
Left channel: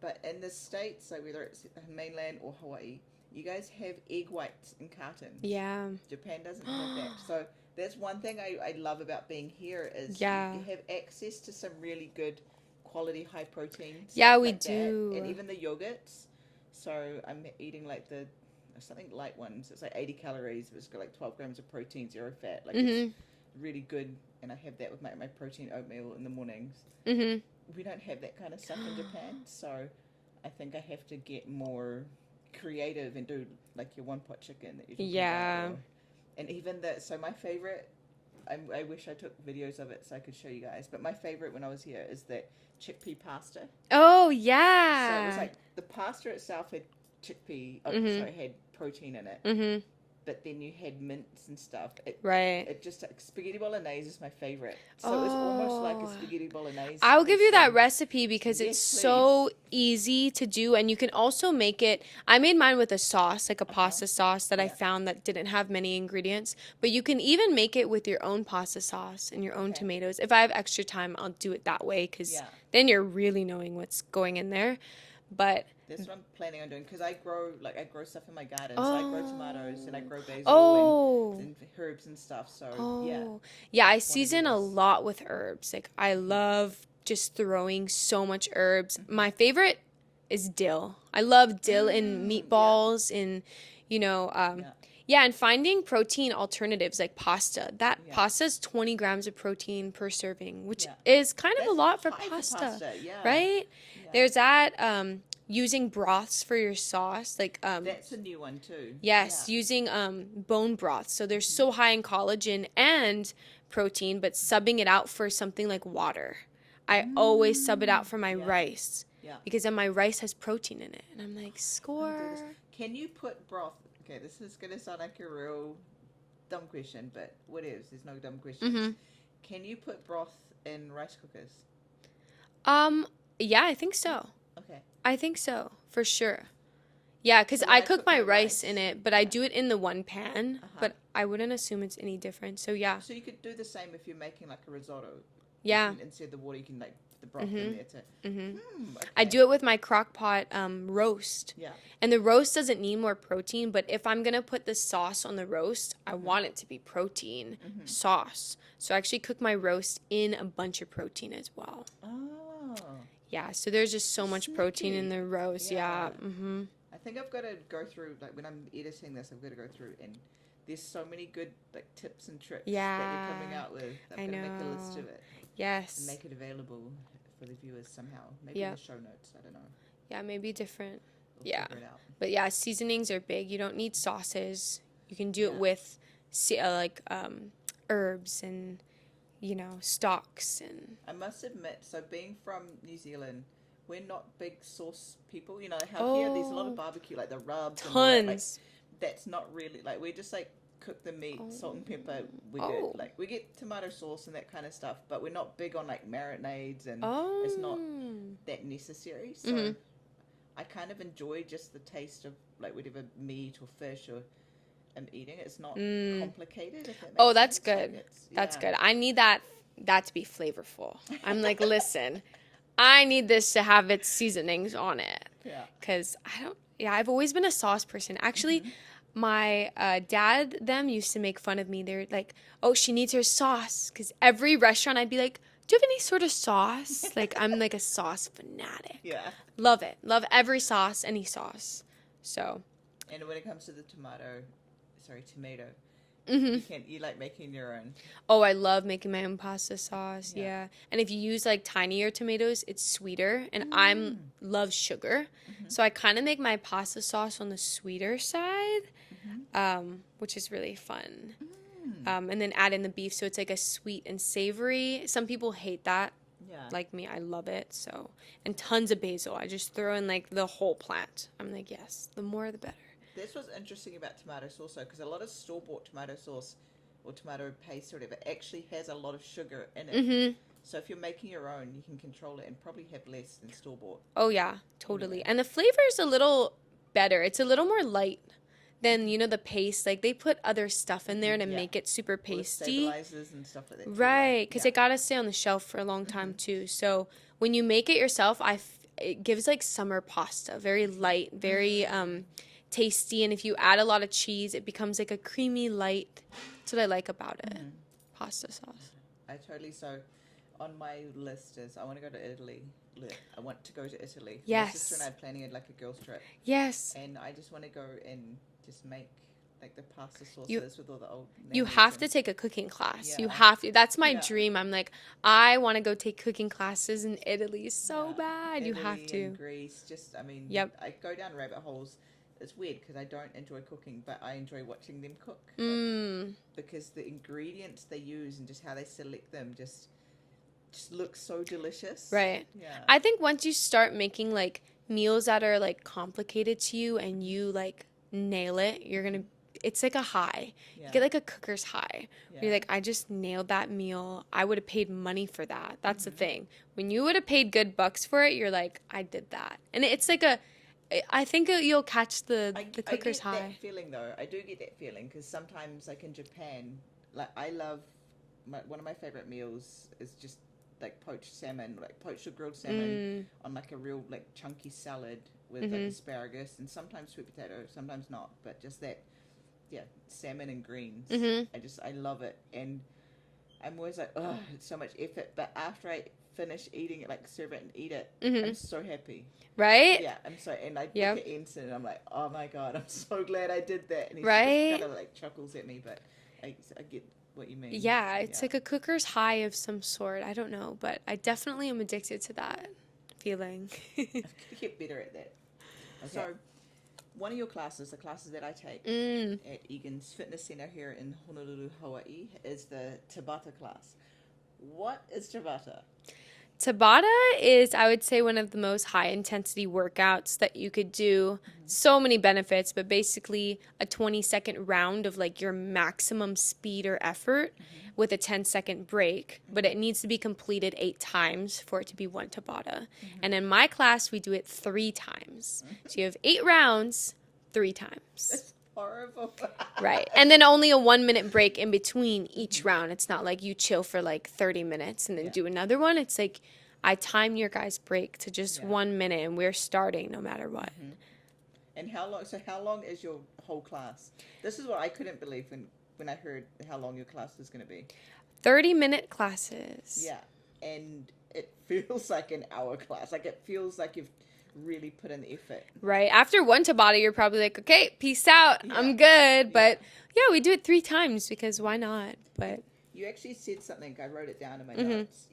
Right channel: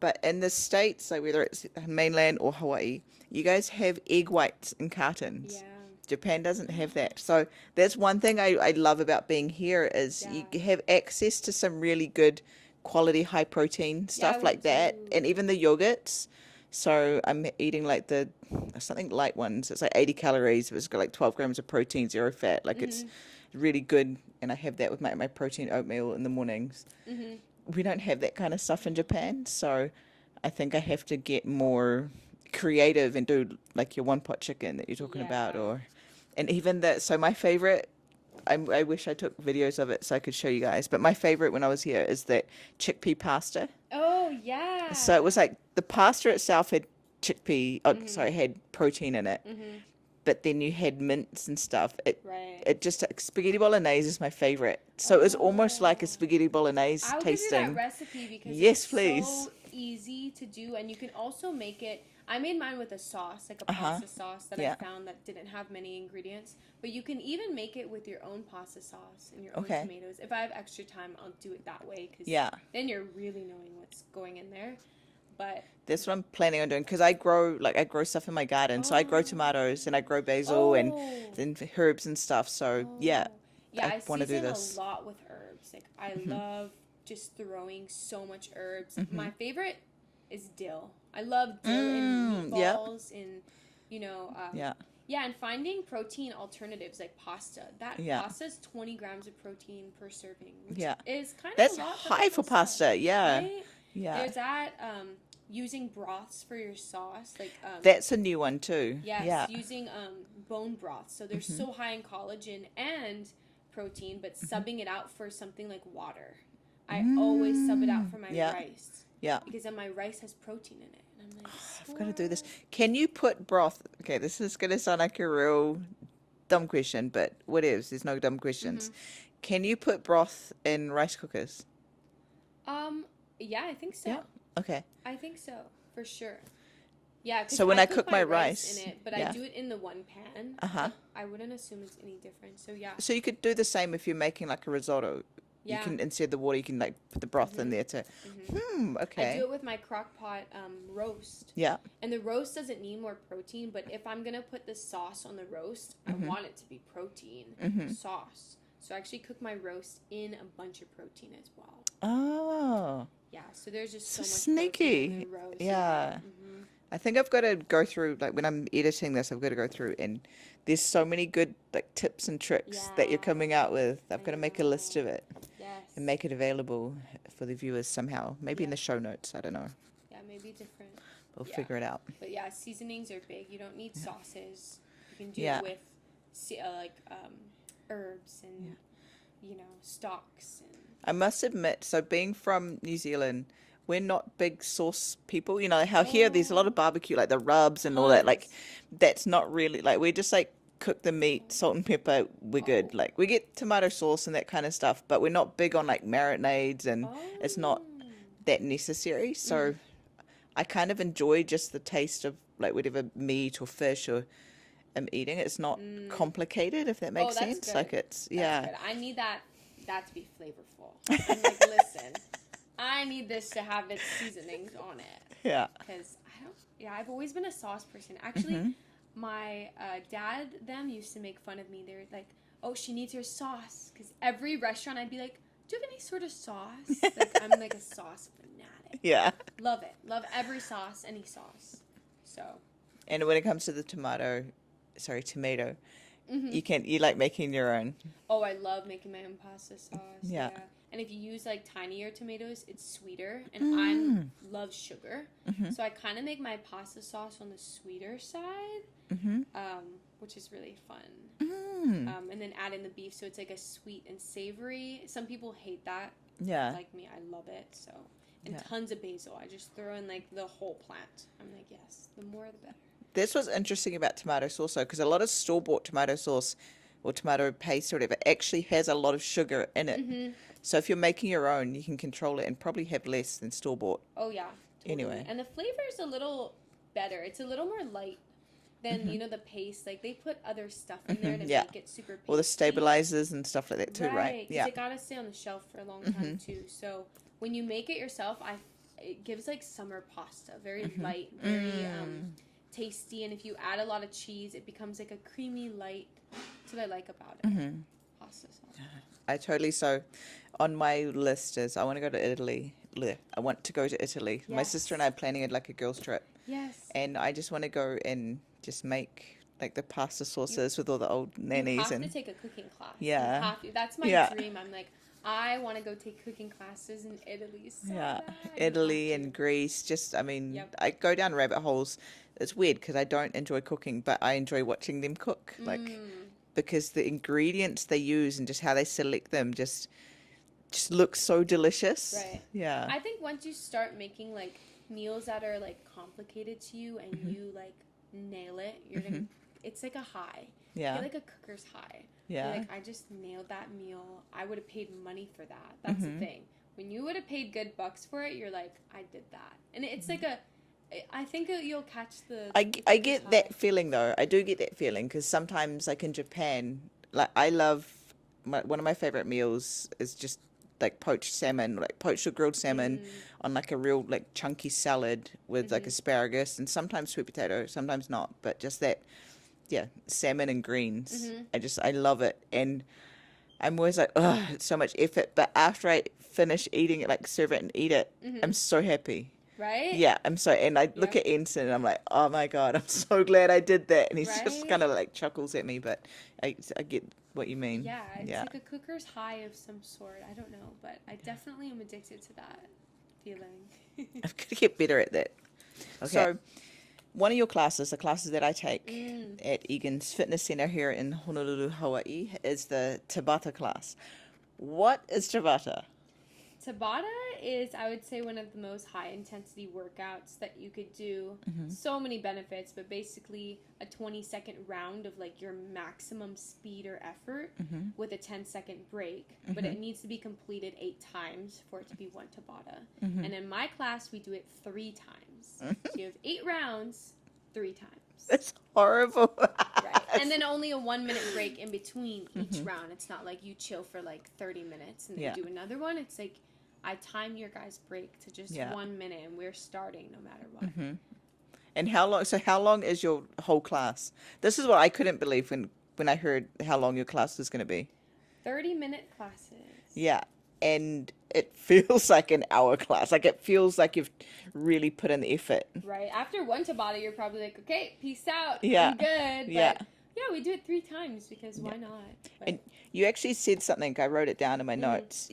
but in the States, like whether it's mainland or Hawaii, you guys have egg whites in cartons. Yeah. Japan doesn't have that. So that's one thing I love about being here is Yeah. you have access to some really good quality high protein stuff Yeah, we like that. do. And even the yogurts. So I'm eating like the something light ones. It's like 80 calories. It's got like 12 grams of protein, 0 fat. Like it's really good. And I have that with my protein oatmeal in the mornings. Mm-hmm. We don't have that kind of stuff in Japan. So I think I have to get more creative and do like your 1-pot chicken that you're talking about, and even that. So my favorite, I wish I took videos of it so I could show you guys, but my favorite when I was here is that chickpea pasta. Oh, yeah. So it was like the pasta itself had had protein in it, but then you had mince and stuff. Right. It just spaghetti bolognese is my favorite. So it was almost like a Oh. spaghetti bolognese. I will give you that tasting. recipe because Yes, it's so easy to do, and you can also make it. I made mine with a sauce, like a pasta sauce that I Yeah. found that didn't have many ingredients. But you can even make it with your own pasta sauce and your own Okay. tomatoes. If I have extra time, I'll do it that way because Yeah. then you're really knowing what's going in there. But That's what I'm planning on doing because I grow stuff in my garden. So I grow tomatoes and I grow basil oh, and herbs and stuff. So yeah, yeah, I I wanna do season a this. lot with herbs. Like I love just throwing so much herbs. My favorite is dill. I love dill in yeah. meatballs and Yeah. yeah, and finding protein alternatives like pasta. That Yeah. pasta's 20 grams of protein per serving, which Yeah. is kind of That's a lot for high pasta. for pasta. Yeah, Right? Yeah. There's that using broths for your sauce, like That's a new one too. yes, Yeah. using bone broth. So they're so high in collagen and protein, but subbing it out for something like water. I always sub it out for my Yeah. rice Yeah. because then my rice has protein in it, and I'm like, score. I'm gonna do this. Can you put broth? Okay, this is gonna sound like a real dumb question, but whatever. There's no dumb questions. Can you put broth in rice cookers? Yeah, I think so. Okay. I think so for sure. Yeah, because So when I I cook cook my my rice rice, in it, but I yeah. do it in the one pan. Uh-huh. But I wouldn't assume it's any different. So yeah. So you could do the same if you're making like a risotto. Yeah. You can, instead of the water, you can like put the broth in there to. Okay. I do it with my crock pot roast. Yeah. And the roast doesn't need more protein, but if I'm going to put the sauce on the roast, I want it to be protein sauce. So I actually cook my roast in a bunch of protein as well. Oh. Yeah, so there's just so much Sneaky. protein in the roast. Yeah. I think I've got to go through, like when I'm editing this, I've got to go through, and there's so many good like tips and tricks that you're coming out with. I've got to make a list of it. Yes. And make it available for the viewers somehow. Maybe in the show notes. I don't know. Yeah, maybe different. We'll figure it out. But yeah, seasonings are big. You don't need sauces. You can do it with herbs and, stocks. And I must admit, so being from New Zealand, we're not big sauce people. You know, how here there's a lot of barbecue, like the rubs and all that. Like, that's not really, like, we're just like, cook the meat, salt and pepper, we're good. Like, we get tomato sauce and that kind of stuff, but we're not big on like marinades, and it's not that necessary. So I kind of enjoy just the taste of like whatever meat or fish or I'm eating. It's not complicated, if that makes sense. Oh, that's good. Like That's good. I need that to be flavorful. I'm like, listen, I need this to have its seasonings on it. Yeah. Because I've always been a sauce person. Actually, my dad, used to make fun of me. They're like, oh, she needs her sauce. Because every restaurant, I'd be like, do you have any sort of sauce? Like, I'm like a sauce fanatic. Yeah. Love it. Love every sauce, any sauce. So. And when it comes to the tomato, you like making your own. Oh, I love making my own pasta sauce. Yeah. And if you use like tinier tomatoes, it's sweeter. And love sugar. So I kind of make my pasta sauce on the sweeter side, which is really fun. And then add in the beef. So it's like a sweet and savory. Some people hate that. Yeah. Like me, I love it. So, and tons of basil. I just throw in like the whole plant. I'm like, yes, the more the better. That's what's interesting about tomato sauce, though, because a lot of store-bought tomato sauce or tomato paste or whatever actually has a lot of sugar in it. So if you're making your own, you can control it and probably have less than store-bought. Oh, yeah, totally. Anyway. And the flavor is a little better. It's a little more light than, the paste. Like, they put other stuff in there to make it super pasty. Or the stabilizers and stuff like that, too, right? Because it got to stay on the shelf for a long time, too. So when you make it yourself, it gives, like, summer pasta. Very light, very... tasty, and if you add a lot of cheese, it becomes like a creamy light. That's what I like about it. Pasta sauce. I totally. So on my list is I want to go to Italy. I want to go to Italy. Yes. My sister and I are planning it like a girls trip. Yes. And I just want to go and just make like the pasta sauces with all the old nannies. You have to take a cooking class. Yeah. You have to. That's my dream. I'm like, I want to go take cooking classes in Italy so bad. Italy and Greece. Just, I mean, I go down rabbit holes. It's weird because I don't enjoy cooking, but I enjoy watching them cook. Like, because the ingredients they use and just how they select them just looks so delicious. Right. Yeah. I think once you start making like meals that are like complicated to you and you like nail it, you're gonna. It's like a high. Yeah. You get like a cooker's high. Yeah. You're like, I just nailed that meal. I would have paid money for that. That's the thing. When you would have paid good bucks for it, you're like, I did that. And it's like I think you'll catch the I cooker's get high. that feeling though. I do get that feeling because sometimes, like in Japan, like I love one of my favorite meals is just like poached salmon, like poached or grilled salmon on like a real like chunky salad with like asparagus and sometimes sweet potato, sometimes not, but just that, salmon and greens. I love it, and I'm always like, oh, it's so much effort. But after I finish eating it, like serve it and eat it, I'm so happy. Right? Yeah, I'm so, and I look at Ensign and I'm like, oh my God, I'm so glad I did that. And he's just kind of like chuckles at me, but I get what you mean. Yeah, it's like a cooker's high of some sort. I don't know, but I definitely am addicted to that feeling. I've got to get better at that. Okay. So, one of your classes, the classes that I take at Egan's Fitness Center here in Honolulu, Hawaii, is the Tabata class. What is Tabata? Tabata is, I would say, one of the most high-intensity workouts that you could do. So many benefits, but basically a 20-second round of, like, your maximum speed or effort with a 10-second break. But it needs to be completed 8 times for it to be one Tabata. And in my class, we do it 3 times. So you have 8 rounds, 3 times. That's horrible. Right. And then only a 1 minute break in between each round. It's not like you chill for like 30 minutes and then do another one. It's like I time your guys' break to just 1 minute and we're starting no matter what. And how long is your whole class? This is what I couldn't believe when I heard how long your class was going to be. 30-minute classes. Yeah. And it feels like an hour class. Like it feels like you've really put in the effort. Right. After one Tabata, you're probably like, okay, peace out. Yeah. I'm good. But yeah, we do it 3 times because why not? But And you actually said something. I wrote it down in my notes.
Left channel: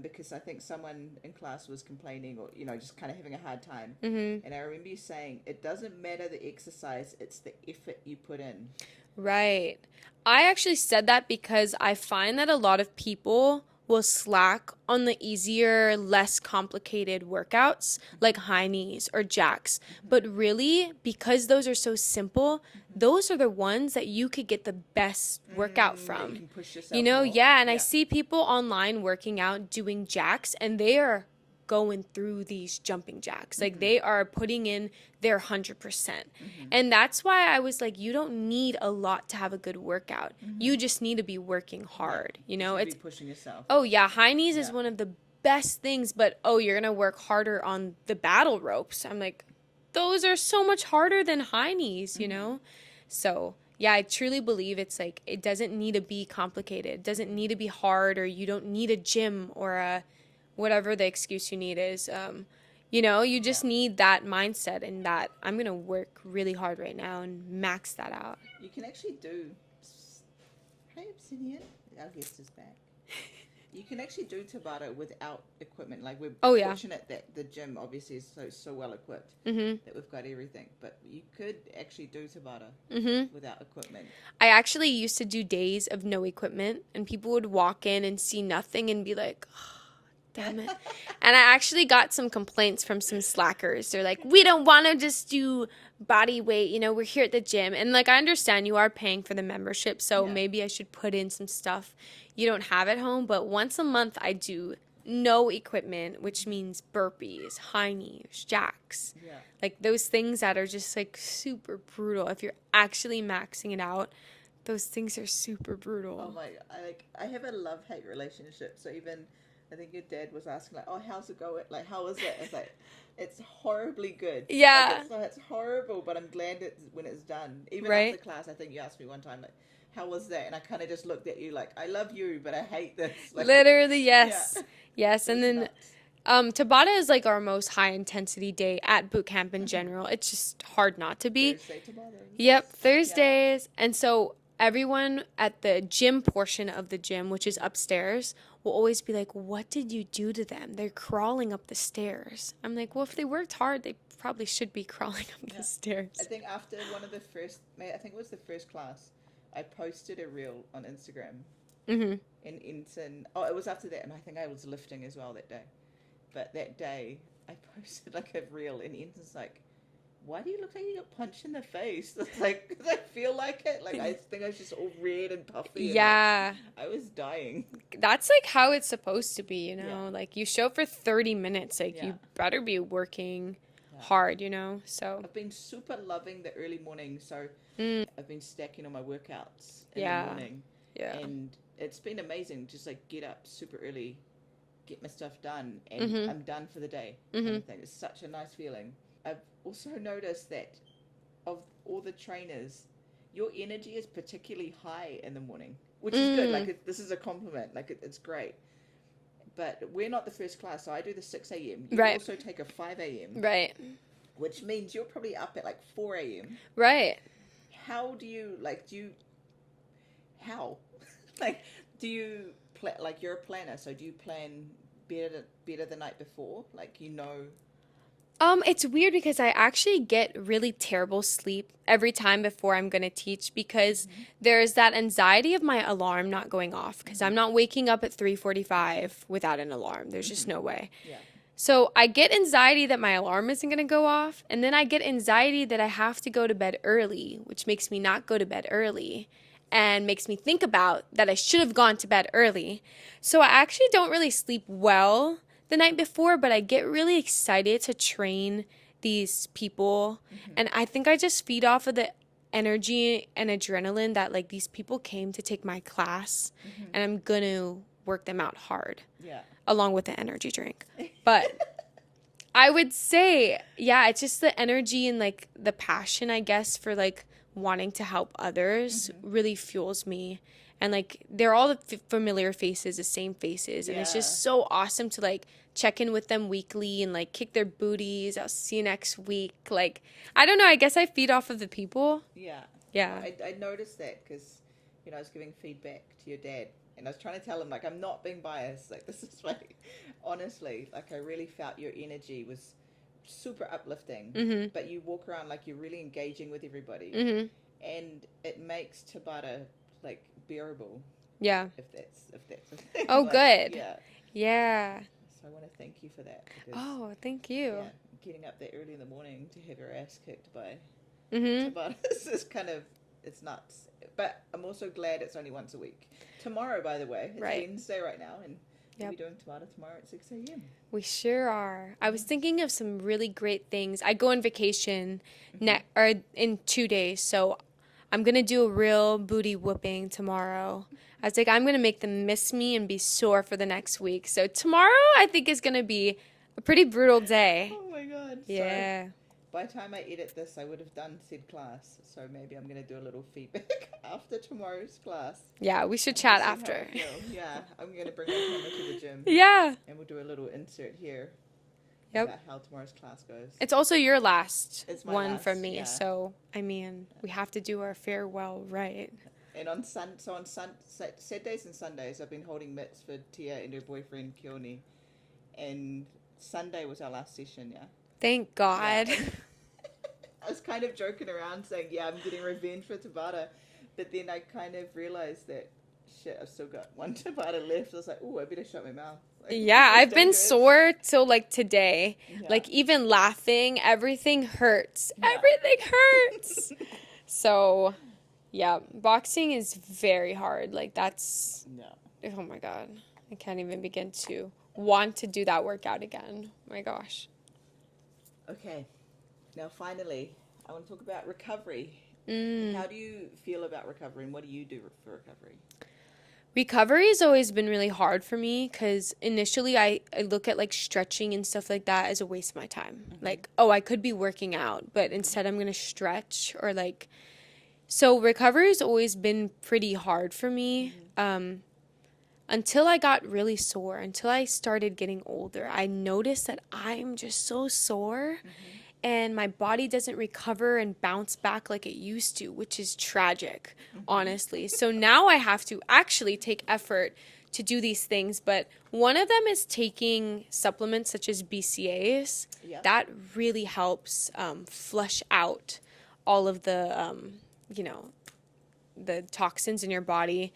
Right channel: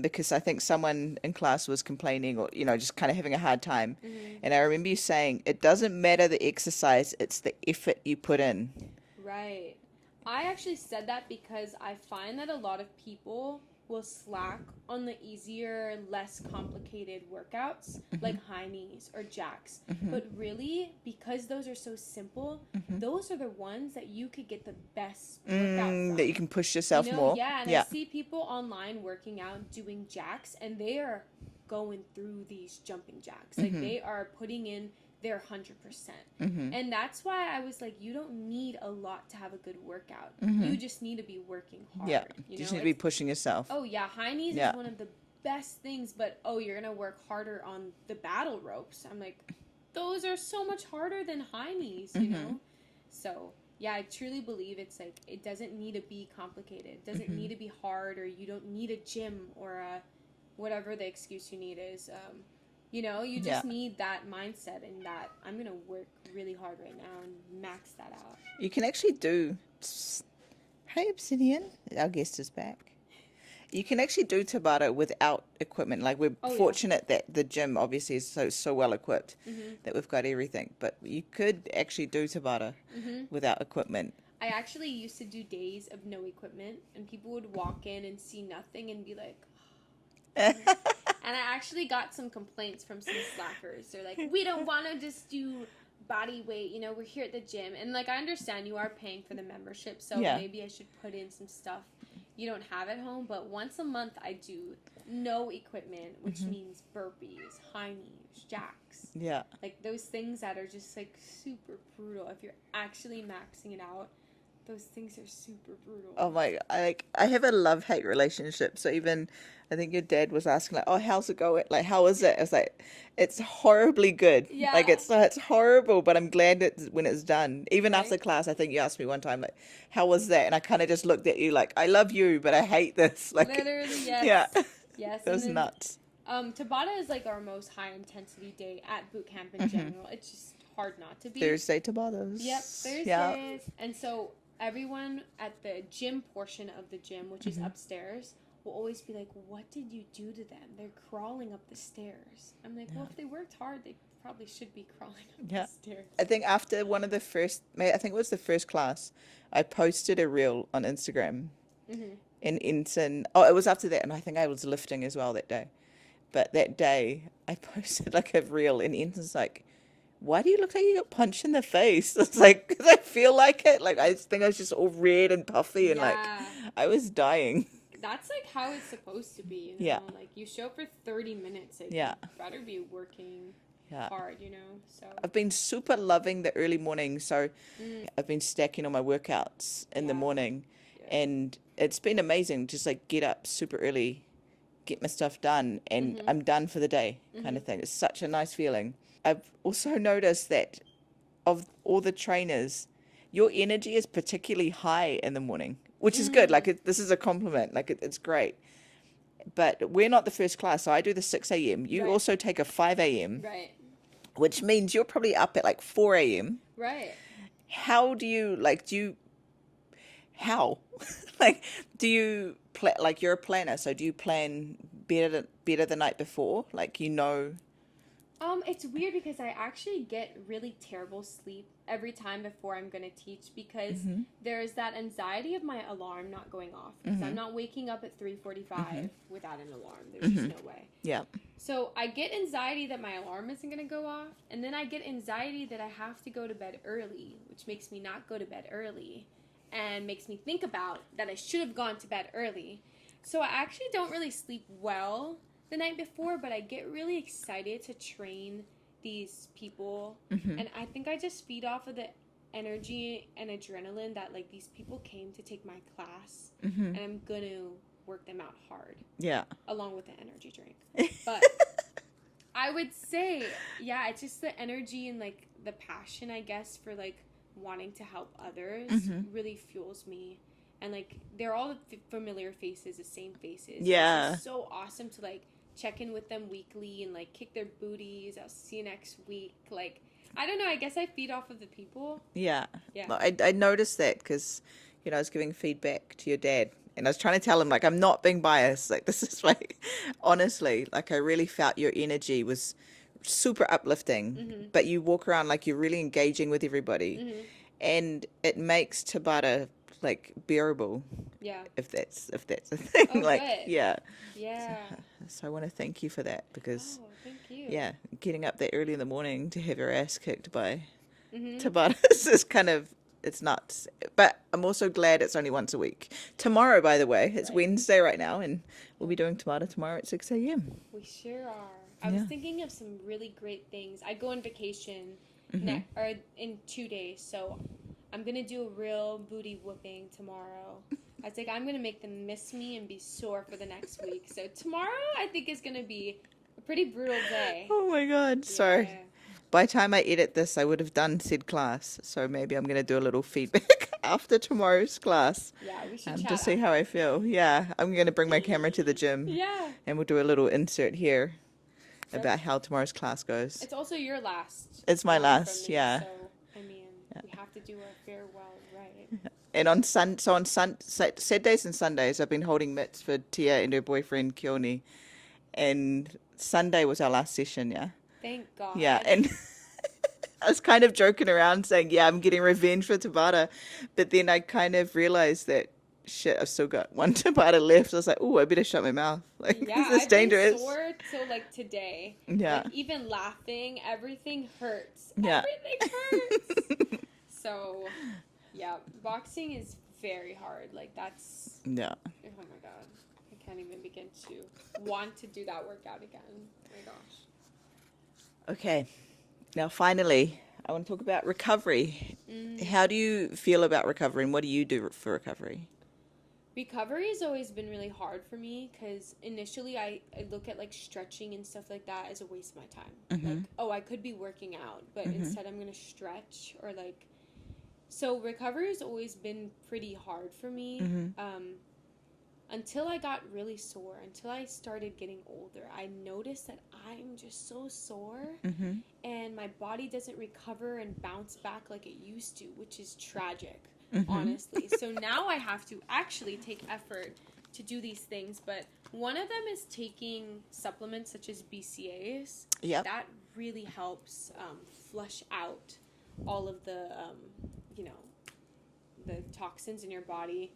Because I think someone in class was complaining or, just kind of having a hard time. And I remember you saying, it doesn't matter the exercise, it's the effort you put in. Right. I actually said that because I find that a lot of people will slack on the easier, less complicated workouts like high knees or jacks. But really, because those are so simple, those are the ones that you could get the best workout from. That you can push yourself more. Yeah, and I see people online working out doing jacks, and they are going through these jumping jacks. Like, they are putting in their 100%. And that's why I was like, you don't need a lot to have a good workout. You just need to be working hard. You know, need to be pushing yourself. Oh, yeah, high knees is one of the best things, but, you're going to work harder on the battle ropes. I'm like, those are so much harder than high knees, you know? So, yeah, I truly believe it's like, it doesn't need to be complicated. It doesn't need to be hard, or you don't need a gym or a whatever the excuse you need is. You just need that mindset and that I'm going to work really hard right now and max that out. You can actually do... Hey, Obsidian. Our guest is back. You can actually do Tabata without equipment. Like, we're fortunate that the gym obviously is so well equipped that we've got everything. But you could actually do Tabata without equipment. I actually used to do days of no equipment, and people would walk in and see nothing and be like... Damn it. And I actually got some complaints from some slackers. They're like, we don't want to just do body weight. We're here at the gym. And, like, I understand you are paying for the membership, so maybe I should put in some stuff you don't have at home. But once a month, I do no equipment, which means burpees, high knees, jacks. Yeah. Like, those things that are just, like, super brutal. If you're actually maxing it out, those things are super brutal. Oh, my... I have a love-hate relationship. So even... I think your dad was asking, like, oh, how's it going? Like, how is it? It's like, it's horribly good. Yeah. Like, it's horrible, but I'm glad when it's done. Even after class, I think you asked me one time, like, how was that? And I kind of just looked at you like, I love you, but I hate this. Like, literally, yes. Yeah. Yes, and then nuts. Tabata is like our most high-intensity day at boot camp in general. It's just hard not to be. Thursday Tabatas. Yep, Thursdays. Yeah. And so everyone at the gym portion of the gym, which is upstairs, will always be like, what did you do to them? They're crawling up the stairs. I'm like, well, if they worked hard, they probably should be crawling up the stairs. I think after one of the first, I think it was the first class, I posted a reel on Instagram in Ensign. Oh, it was after that, and I think I was lifting as well that day. But that day, I posted like a reel, and Ensign's like, why do you look like you got punched in the face? It's like, because I feel like it. Like, I think I was just all red and puffy. And like, I was dying. That's like how it's supposed to be, you know? Yeah. Like, you show up for 30 minutes. Like, you better be working hard, you know? So I've been super loving the early morning. So I've been stacking all my workouts in the morning. Yeah. And it's been amazing. Just like get up super early, get my stuff done, and I'm done for the day kind of thing. It's such a nice feeling. I've also noticed that of all the trainers, your energy is particularly high in the morning, which is good. Like, this is a compliment. Like, it's great. But we're not the first class, so I do the 6 a.m. You also take a 5 a.m. Right. Which means you're probably up at, like, 4 a.m. Right. How do you, like, how? Like, do you, like, you're a planner, so do you plan better the night before? Like, you know... It's weird because I actually get really terrible sleep every time before I'm going to teach because there's that anxiety of my alarm not going off because I'm not waking up at 3:45 without an alarm. There's just no way. Yeah. So I get anxiety that my alarm isn't going to go off, and then I get anxiety that I have to go to bed early, which makes me not go to bed early and makes me think about that I should have gone to bed early. So I actually don't really sleep well the night before, but I get really excited to train these people. And I think I just feed off of the energy and adrenaline that like these people came to take my class and I'm going to work them out hard. Yeah. Along with the energy drink. But I would say, yeah, it's just the energy and like the passion, I guess, for like wanting to help others really fuels me. And like they're all the familiar faces, the same faces. Yeah. And it's just so awesome to like check in with them weekly and like kick their booties. I'll see you next week. Like, I don't know. I guess I feed off of the people. Yeah. Yeah. Well, I noticed that because, I was giving feedback to your dad. And I was trying to tell him, like, I'm not being biased. Like, this is like, honestly, like, I really felt your energy was super uplifting. But you walk around like you're really engaging with everybody. And it makes Tabata, like, bearable. Yeah. If that's a thing. Oh, like, good. Yeah. Yeah. So I want to thank you for that because, Oh, thank you. yeah, getting up that early in the morning to have your ass kicked by Tabatas is kind of, it's nuts. But I'm also glad it's only once a week. Tomorrow, by the way, it's Right. Wednesday right now, and we'll be doing Tabata tomorrow at 6 a.m. We sure are. I was thinking of some really great things. I go on vacation in 2 days, so I'm going to do a real booty whooping tomorrow. I was like, I'm going to make them miss me and be sore for the next week. So tomorrow, I think, is going to be a pretty brutal day. Oh my God. Yeah. So by the time I edit this, I would have done said class. So maybe I'm going to do a little feedback after tomorrow's class. Yeah, we should To chat see after. how I feel. Yeah. I'm going to bring my camera to the gym. Yeah. And we'll do a little insert here Yep. about how tomorrow's class goes. It's also your last It's my one last, from me. yeah. So, I mean, we have to do our farewell right. And on Saturdays and Sundays, I've been holding mitts for Tia and her boyfriend Keone. And Sunday was our last session, yeah. Thank God. Yeah, and I was kind of joking around saying, yeah, I'm getting revenge for Tabata. But then I kind of realized that, shit, I've still got one Tabata left. I was like, oh, I better shut my mouth. Like, Yeah, this is I've been dangerous. sore till like today. Yeah. Like even laughing, everything hurts. Yeah. Everything hurts. So, yeah, boxing is very hard. Like that's, Yeah. oh my God. I can't even begin to want to do that workout again. Oh my gosh. Okay. Now, finally, I want to talk about recovery. How do you feel about recovery and what do you do for recovery? Recovery has always been really hard for me because initially I look at like stretching and stuff like that as a waste of my time. Like, oh, I could be working out, but instead I'm going to stretch or like, so recovery has always been pretty hard for me. Until I got really sore, until I started getting older, I noticed that I'm just so sore and my body doesn't recover and bounce back like it used to, which is tragic, honestly. So now I have to actually take effort to do these things, but one of them is taking supplements such as BCAAs. Yep. That really helps flush out all of the, the toxins in your body.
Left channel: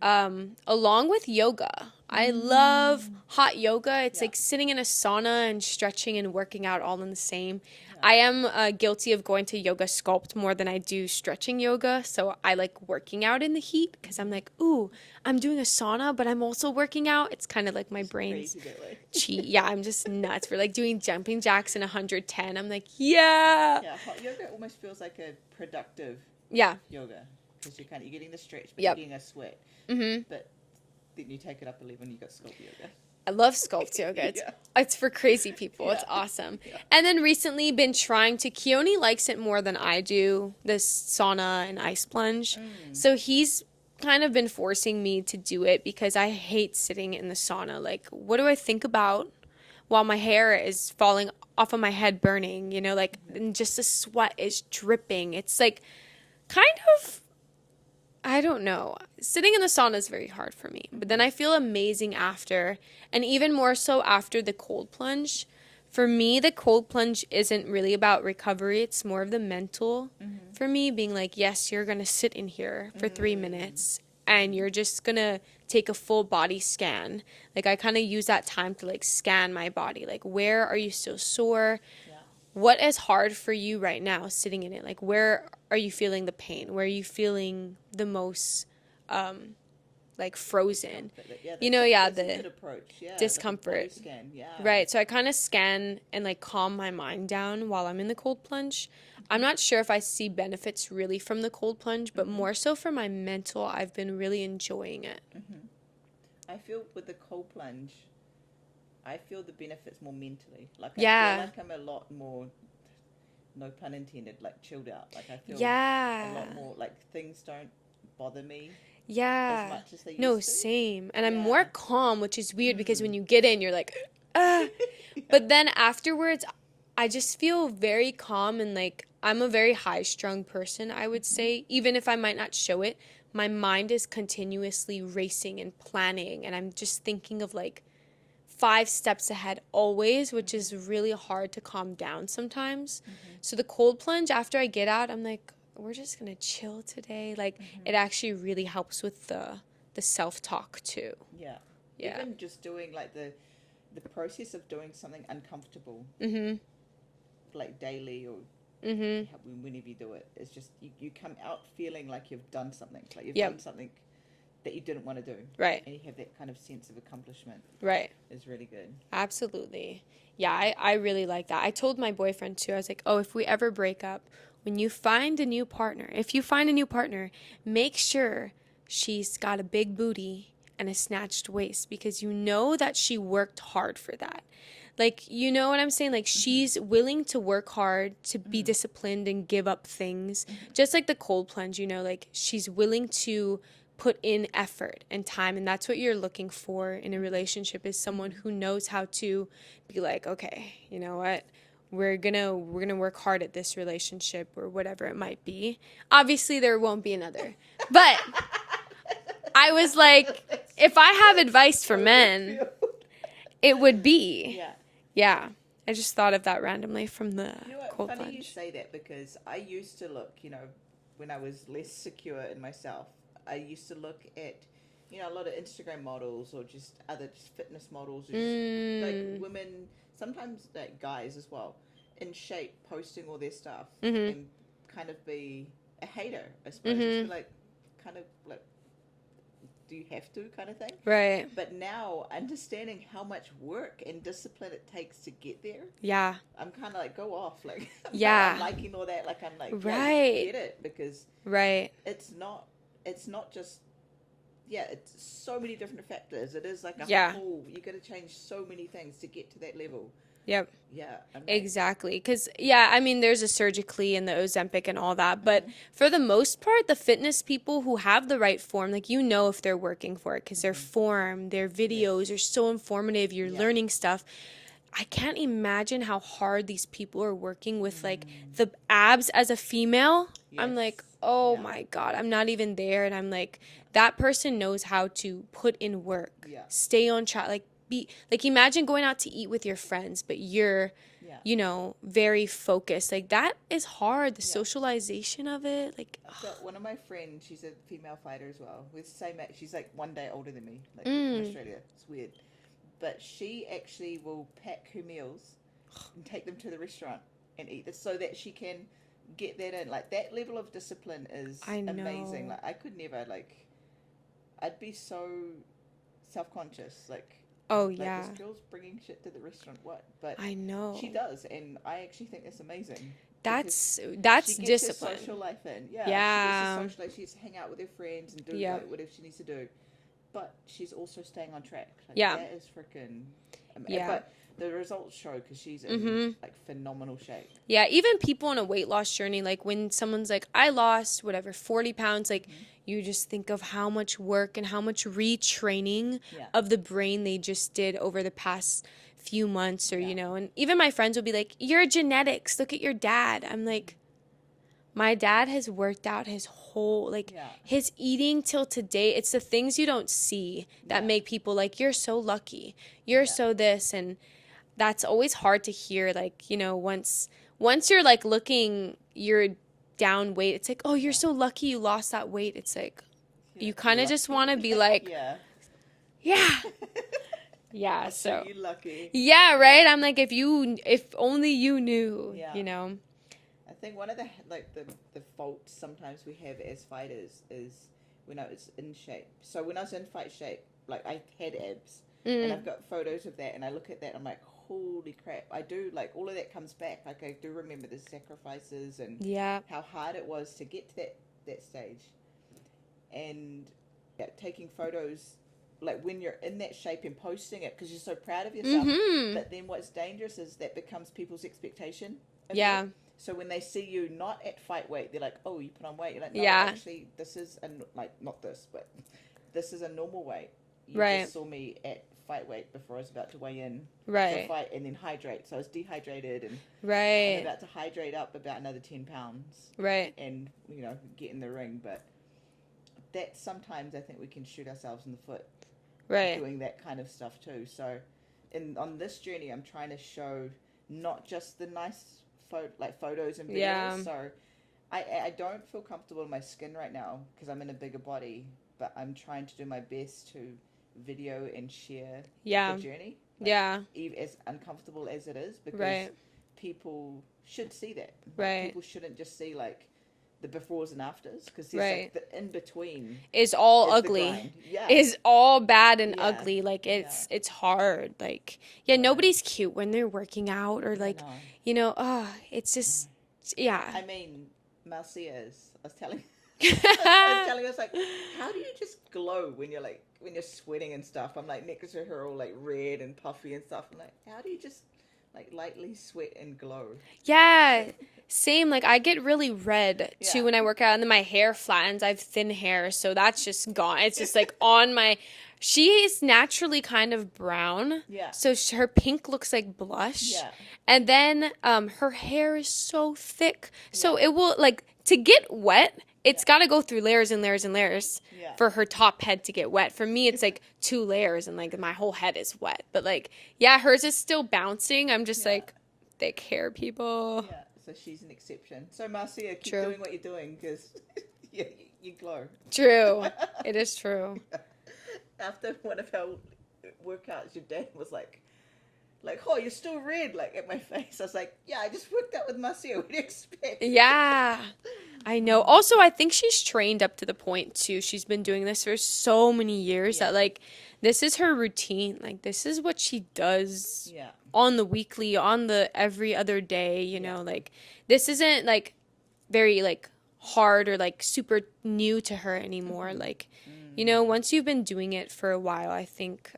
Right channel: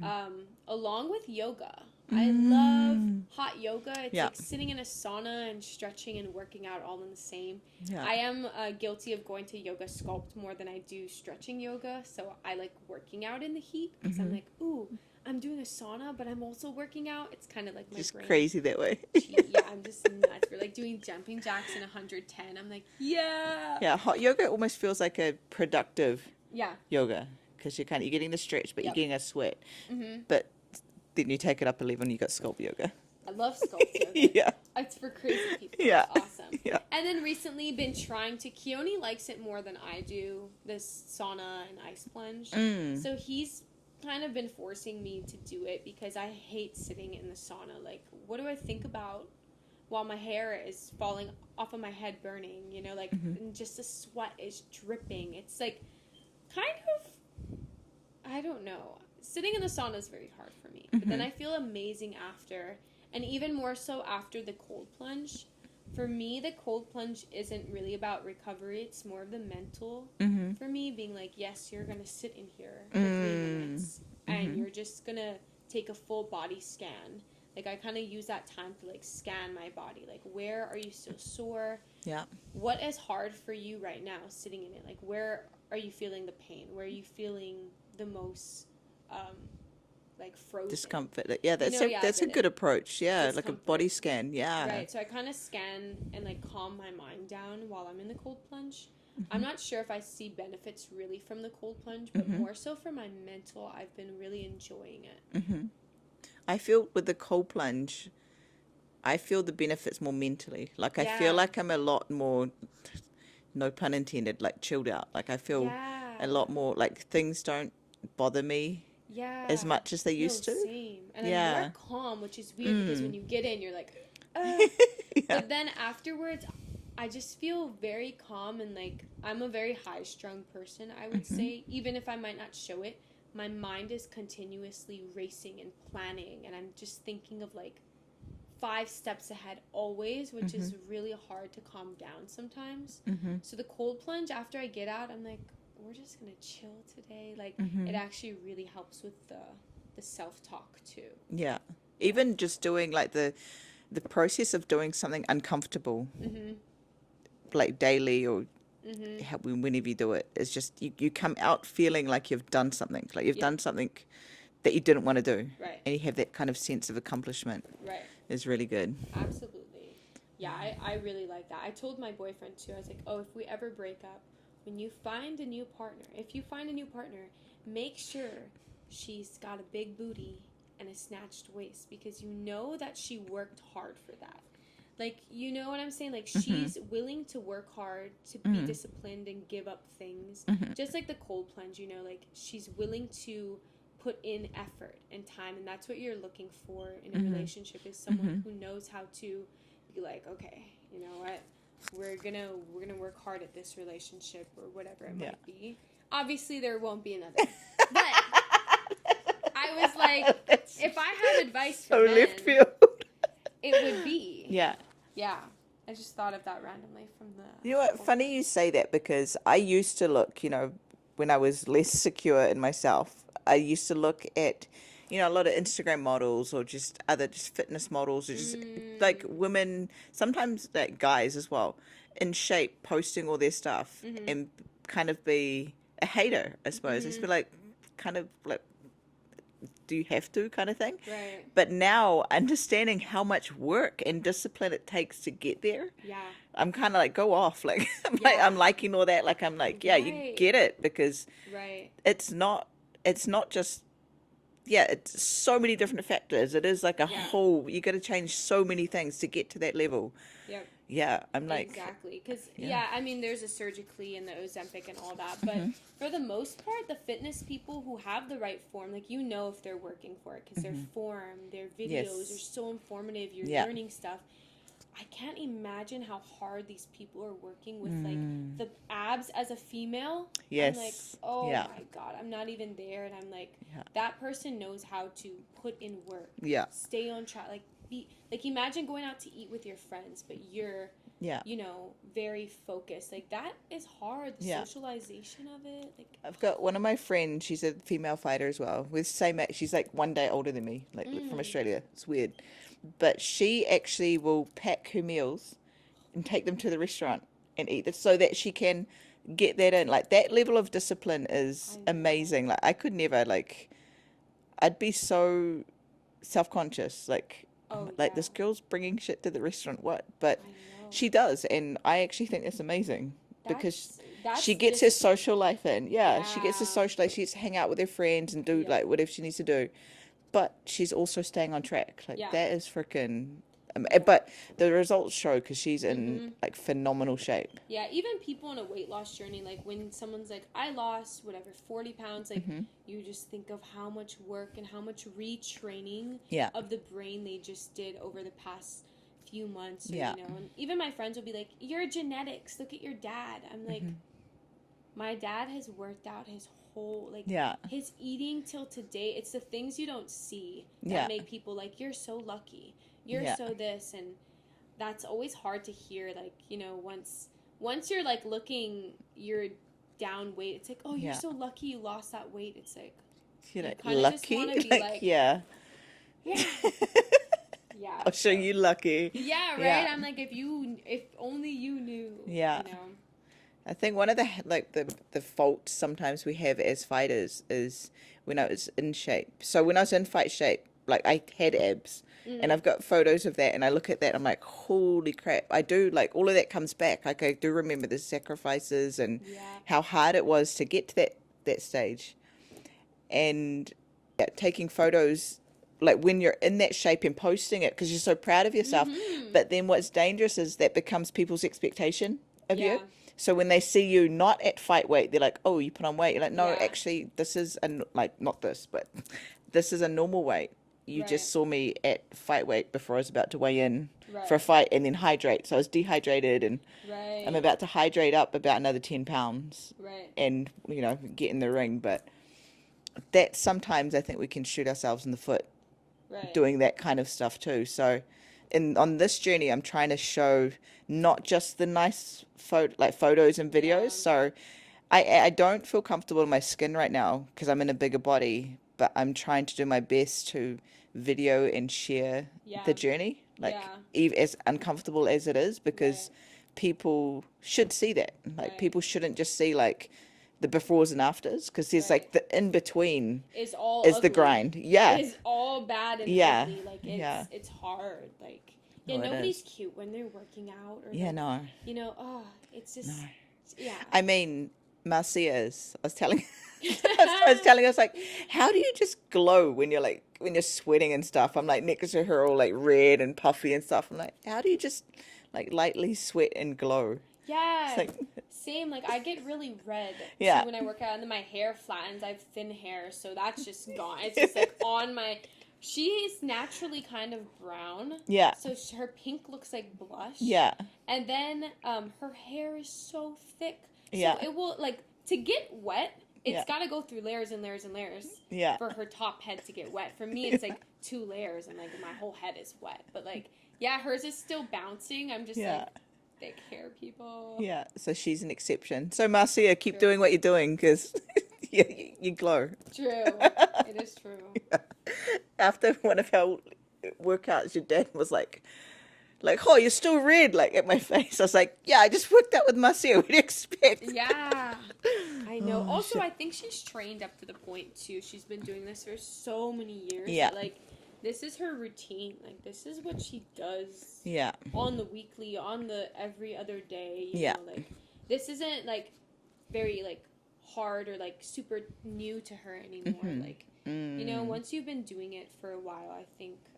Along with yoga. I love hot yoga. It's Yeah. like sitting in a sauna and stretching and working out all in the same. Yeah. I am guilty of going to yoga sculpt more than I do stretching yoga. So I like working out in the heat because I'm like, ooh, I'm doing a sauna, but I'm also working out. It's kind of like my It's brain. crazy that way. Yeah, I'm just nuts. We're like doing jumping jacks in 110. I'm like, yeah. Yeah, hot yoga almost feels like a productive Yeah. yoga because you're getting the stretch, but Yep. you're getting a sweat. But then you take it up a level and you got sculpt yoga. I love sculpt yoga. Yeah. It's for crazy people. Yeah. It's awesome. Yeah. And then recently been trying to, Keone likes it more than I do, this sauna and ice plunge. So he's kind of been forcing me to do it because I hate sitting in the sauna. Like, what do I think about while my hair is falling off of my head burning, and just the sweat is dripping. It's like kind of, I don't know. Sitting in the sauna is very hard for me. But then I feel amazing after. And even more so after the cold plunge. For me, the cold plunge isn't really about recovery. It's more of the mental for me, being like, yes, you're going to sit in here for 3 minutes. And you're just going to take a full body scan. Like, I kind of use that time to, like, scan my body. Like, where are you still sore? Yeah. What is hard for you right now sitting in it? Like, where are you feeling the pain? Where are you feeling the most like frozen. Discomfort. Yeah, You that's know, yeah, that's a the good approach. Yeah, like a discomfort. body scan. Yeah. Right. So I kind of scan and like calm my mind down while I'm in the cold plunge. I'm not sure if I see benefits really from the cold plunge, but more so for my mental, I've been really enjoying it. I feel with the cold plunge, I feel the benefits more mentally. Like I Yeah. feel like I'm a lot more, no pun intended, like chilled out. Like I feel Yeah. a lot more like things don't bother me Yeah. as much as they No, used to. same. And I'm Yeah. more calm, which is weird because when you get in, you're like, ah. But then afterwards, I just feel very calm and like I'm a very high strung person, I would say. Even if I might not show it, my mind is continuously racing and planning. And I'm just thinking of like 5 steps ahead always, which is really hard to calm down sometimes. So the cold plunge, after I get out, I'm like, we're just gonna chill today. Like it actually really helps with the self-talk too. Yeah. Even just doing like the process of doing something uncomfortable, like daily or whenever you do it, it's just you come out feeling like you've done something, like you've done something that you didn't want to do. Right. And you have that kind of sense of accomplishment. Right. Is really good. Absolutely. Yeah, I really like that. I told my boyfriend too, I was like, oh, if we ever break up, when you find a new partner, if you find a new partner, make sure she's got a big booty and a snatched waist because you know that she worked hard for that. Like, you know what I'm saying? Like, she's willing to work hard, to be disciplined and give up things. Just like the cold plunge, you know, like she's willing to put in effort and time. And that's what you're looking for in a relationship is someone who knows how to be like, okay, you know what? We're gonna work hard at this relationship or whatever it might be. Obviously, there won't be another. But I was like, if I have advice for men, it would be. Yeah. Yeah. I just thought of that randomly from the You know what? cold Funny plunge. you say that because I used to look, you know, when I was less secure in myself, I used to look at, you know, a lot of Instagram models or just other just fitness models or just like women, sometimes like guys as well, in shape, posting all their stuff and kind of be a hater, I suppose. Just be like, kind of like, do you have to kind of thing? Right. But now understanding how much work and discipline it takes to get there, Yeah. I'm kind of like, go off. Like, Yeah. I'm liking all that. Like, I'm like, yeah, Right. you get it because Right. it's not just, yeah, it's so many different factors. It is like a Yeah. whole, you got to change so many things to get to that level. Yep. Yeah. I'm like, Exactly. Because, yeah, I mean, there's a Surgically and the Ozempic and all that. But for the most part, the fitness people who have the right form, like, you know if they're working for it because their form, their videos are so informative. You're learning stuff. I can't imagine how hard these people are working with, like, the abs as a female. I'm like, Yes. oh, Yeah. my God. I'm not even there. And I'm like, that person knows how to put in work. Yeah. Stay on track. Like imagine going out to eat with your friends, but you're, you know, very focused. Like that is hard. The socialization of it. Like I've got one of my friends, she's a female fighter as well, with same age. She's like 1 day older than me, like from Australia. It's weird. But she actually will pack her meals and take them to the restaurant and eat it so that she can get that in. Like that level of discipline is amazing. know. Like I could never, like, I'd be so self-conscious. Like, oh like yeah, this girl's bringing shit to the restaurant. What? But I know. she does, and I actually think that's amazing. That's She gets her discipline. social life in. Yeah, she gets her Yeah. social life. She gets to hang out with her friends and do Yeah. like whatever she needs to do. But she's also staying on track. Like Yeah. that is freaking. Yeah. But the results show because she's in like phenomenal shape. Yeah, even people on a weight loss journey, like when someone's like, I lost whatever 40 pounds, like you just think of how much work and how much retraining Yeah. of the brain they just did over the past few months or, Yeah. you know, and even my friends will be like, your genetics, look at your dad. I'm like, my dad has worked out his whole, like Yeah. his eating till today. It's the things you don't see that Yeah. make people like, you're so lucky. You're Yeah. so this. And that's always hard to hear. Like, you know, once you're like looking, you're down weight. It's like, oh, you're Yeah. so lucky you lost that weight. It's like, You're you like, kind of just lucky? want to be like, yeah. yeah. Yeah. I'll show you lucky. Yeah, right? Yeah. I'm like, if only you knew, Yeah. you know? I think one of the the faults sometimes we have as fighters is when I was in shape. So when I was in fight shape, like I had abs, and I've got photos of that, and I look at that, I'm like, holy crap! I do like all of that comes back. Like I do remember the sacrifices and Yeah. how hard it was to get to that stage, and yeah, taking photos. Like when you're in that shape and posting it because you're so proud of yourself. But then what's dangerous is that becomes people's expectation of Yeah. you. So when they see you not at fight weight, they're like, "Oh, you put on weight." You're like, "No, Yeah. actually, this is like not this, but this is a normal weight. You Right. just saw me at fight weight before I was about to weigh in for a Right. fight and then hydrate. So I was dehydrated and I'm Right. about to hydrate up about another 10 pounds Right. and get in the ring. But that sometimes I think we can shoot ourselves in the foot Right. doing that kind of stuff too. So on this journey, I'm trying to show not just the nice photos and videos. Yeah. So I don't feel comfortable in my skin right now because I'm in a bigger body, but I'm trying to do my best to video and share Yeah. the journey. Yeah. As uncomfortable as it is, because Right. people should see that. Like Right. people shouldn't just see like the befores and afters, because there's Right. like the in between Is all is ugly. the grind. Yeah. Is all bad and Yeah. ugly. Like Yeah. it's hard. Like yeah, Well, nobody's cute when they're working out or Yeah, like no. it's just yeah. I mean, Marcia is. I was telling I was telling us like, how do you just glow when you're sweating and stuff? I'm like next to her all like red and puffy and stuff. I'm like, how do you just like lightly sweat and glow? Yeah, same. Like I get really red Yeah. too when I work out, and then my hair flattens. I have thin hair, so that's just gone. It's just like on my. She is naturally kind of brown. Yeah. So her pink looks like blush. Yeah. And then her hair is so thick, so Yeah. it will like to get wet. It's Yeah. got to go through layers and layers and layers Yeah. for her top head to get wet. For me, it's like 2 layers and like my whole head is wet. But like, yeah, hers is still bouncing. I'm just Yeah. like, thick hair people. Yeah. So she's an exception. So Marcia, keep True. doing what you're doing because you glow. True. It is true. After one of our workouts, your dad was like, oh, you're still red, like at my face. I was like, yeah, I just worked out with Marcia. What do you expect? Yeah. I know. Also, I think she's trained up to the point too. She's been doing this for so many years Yeah. that like this is her routine. Like this is what she does Yeah. on the weekly, on the every other day, you Yeah. know, like this isn't like very like hard or like super new to her anymore. Like, you know, once you've been doing it for a while, I think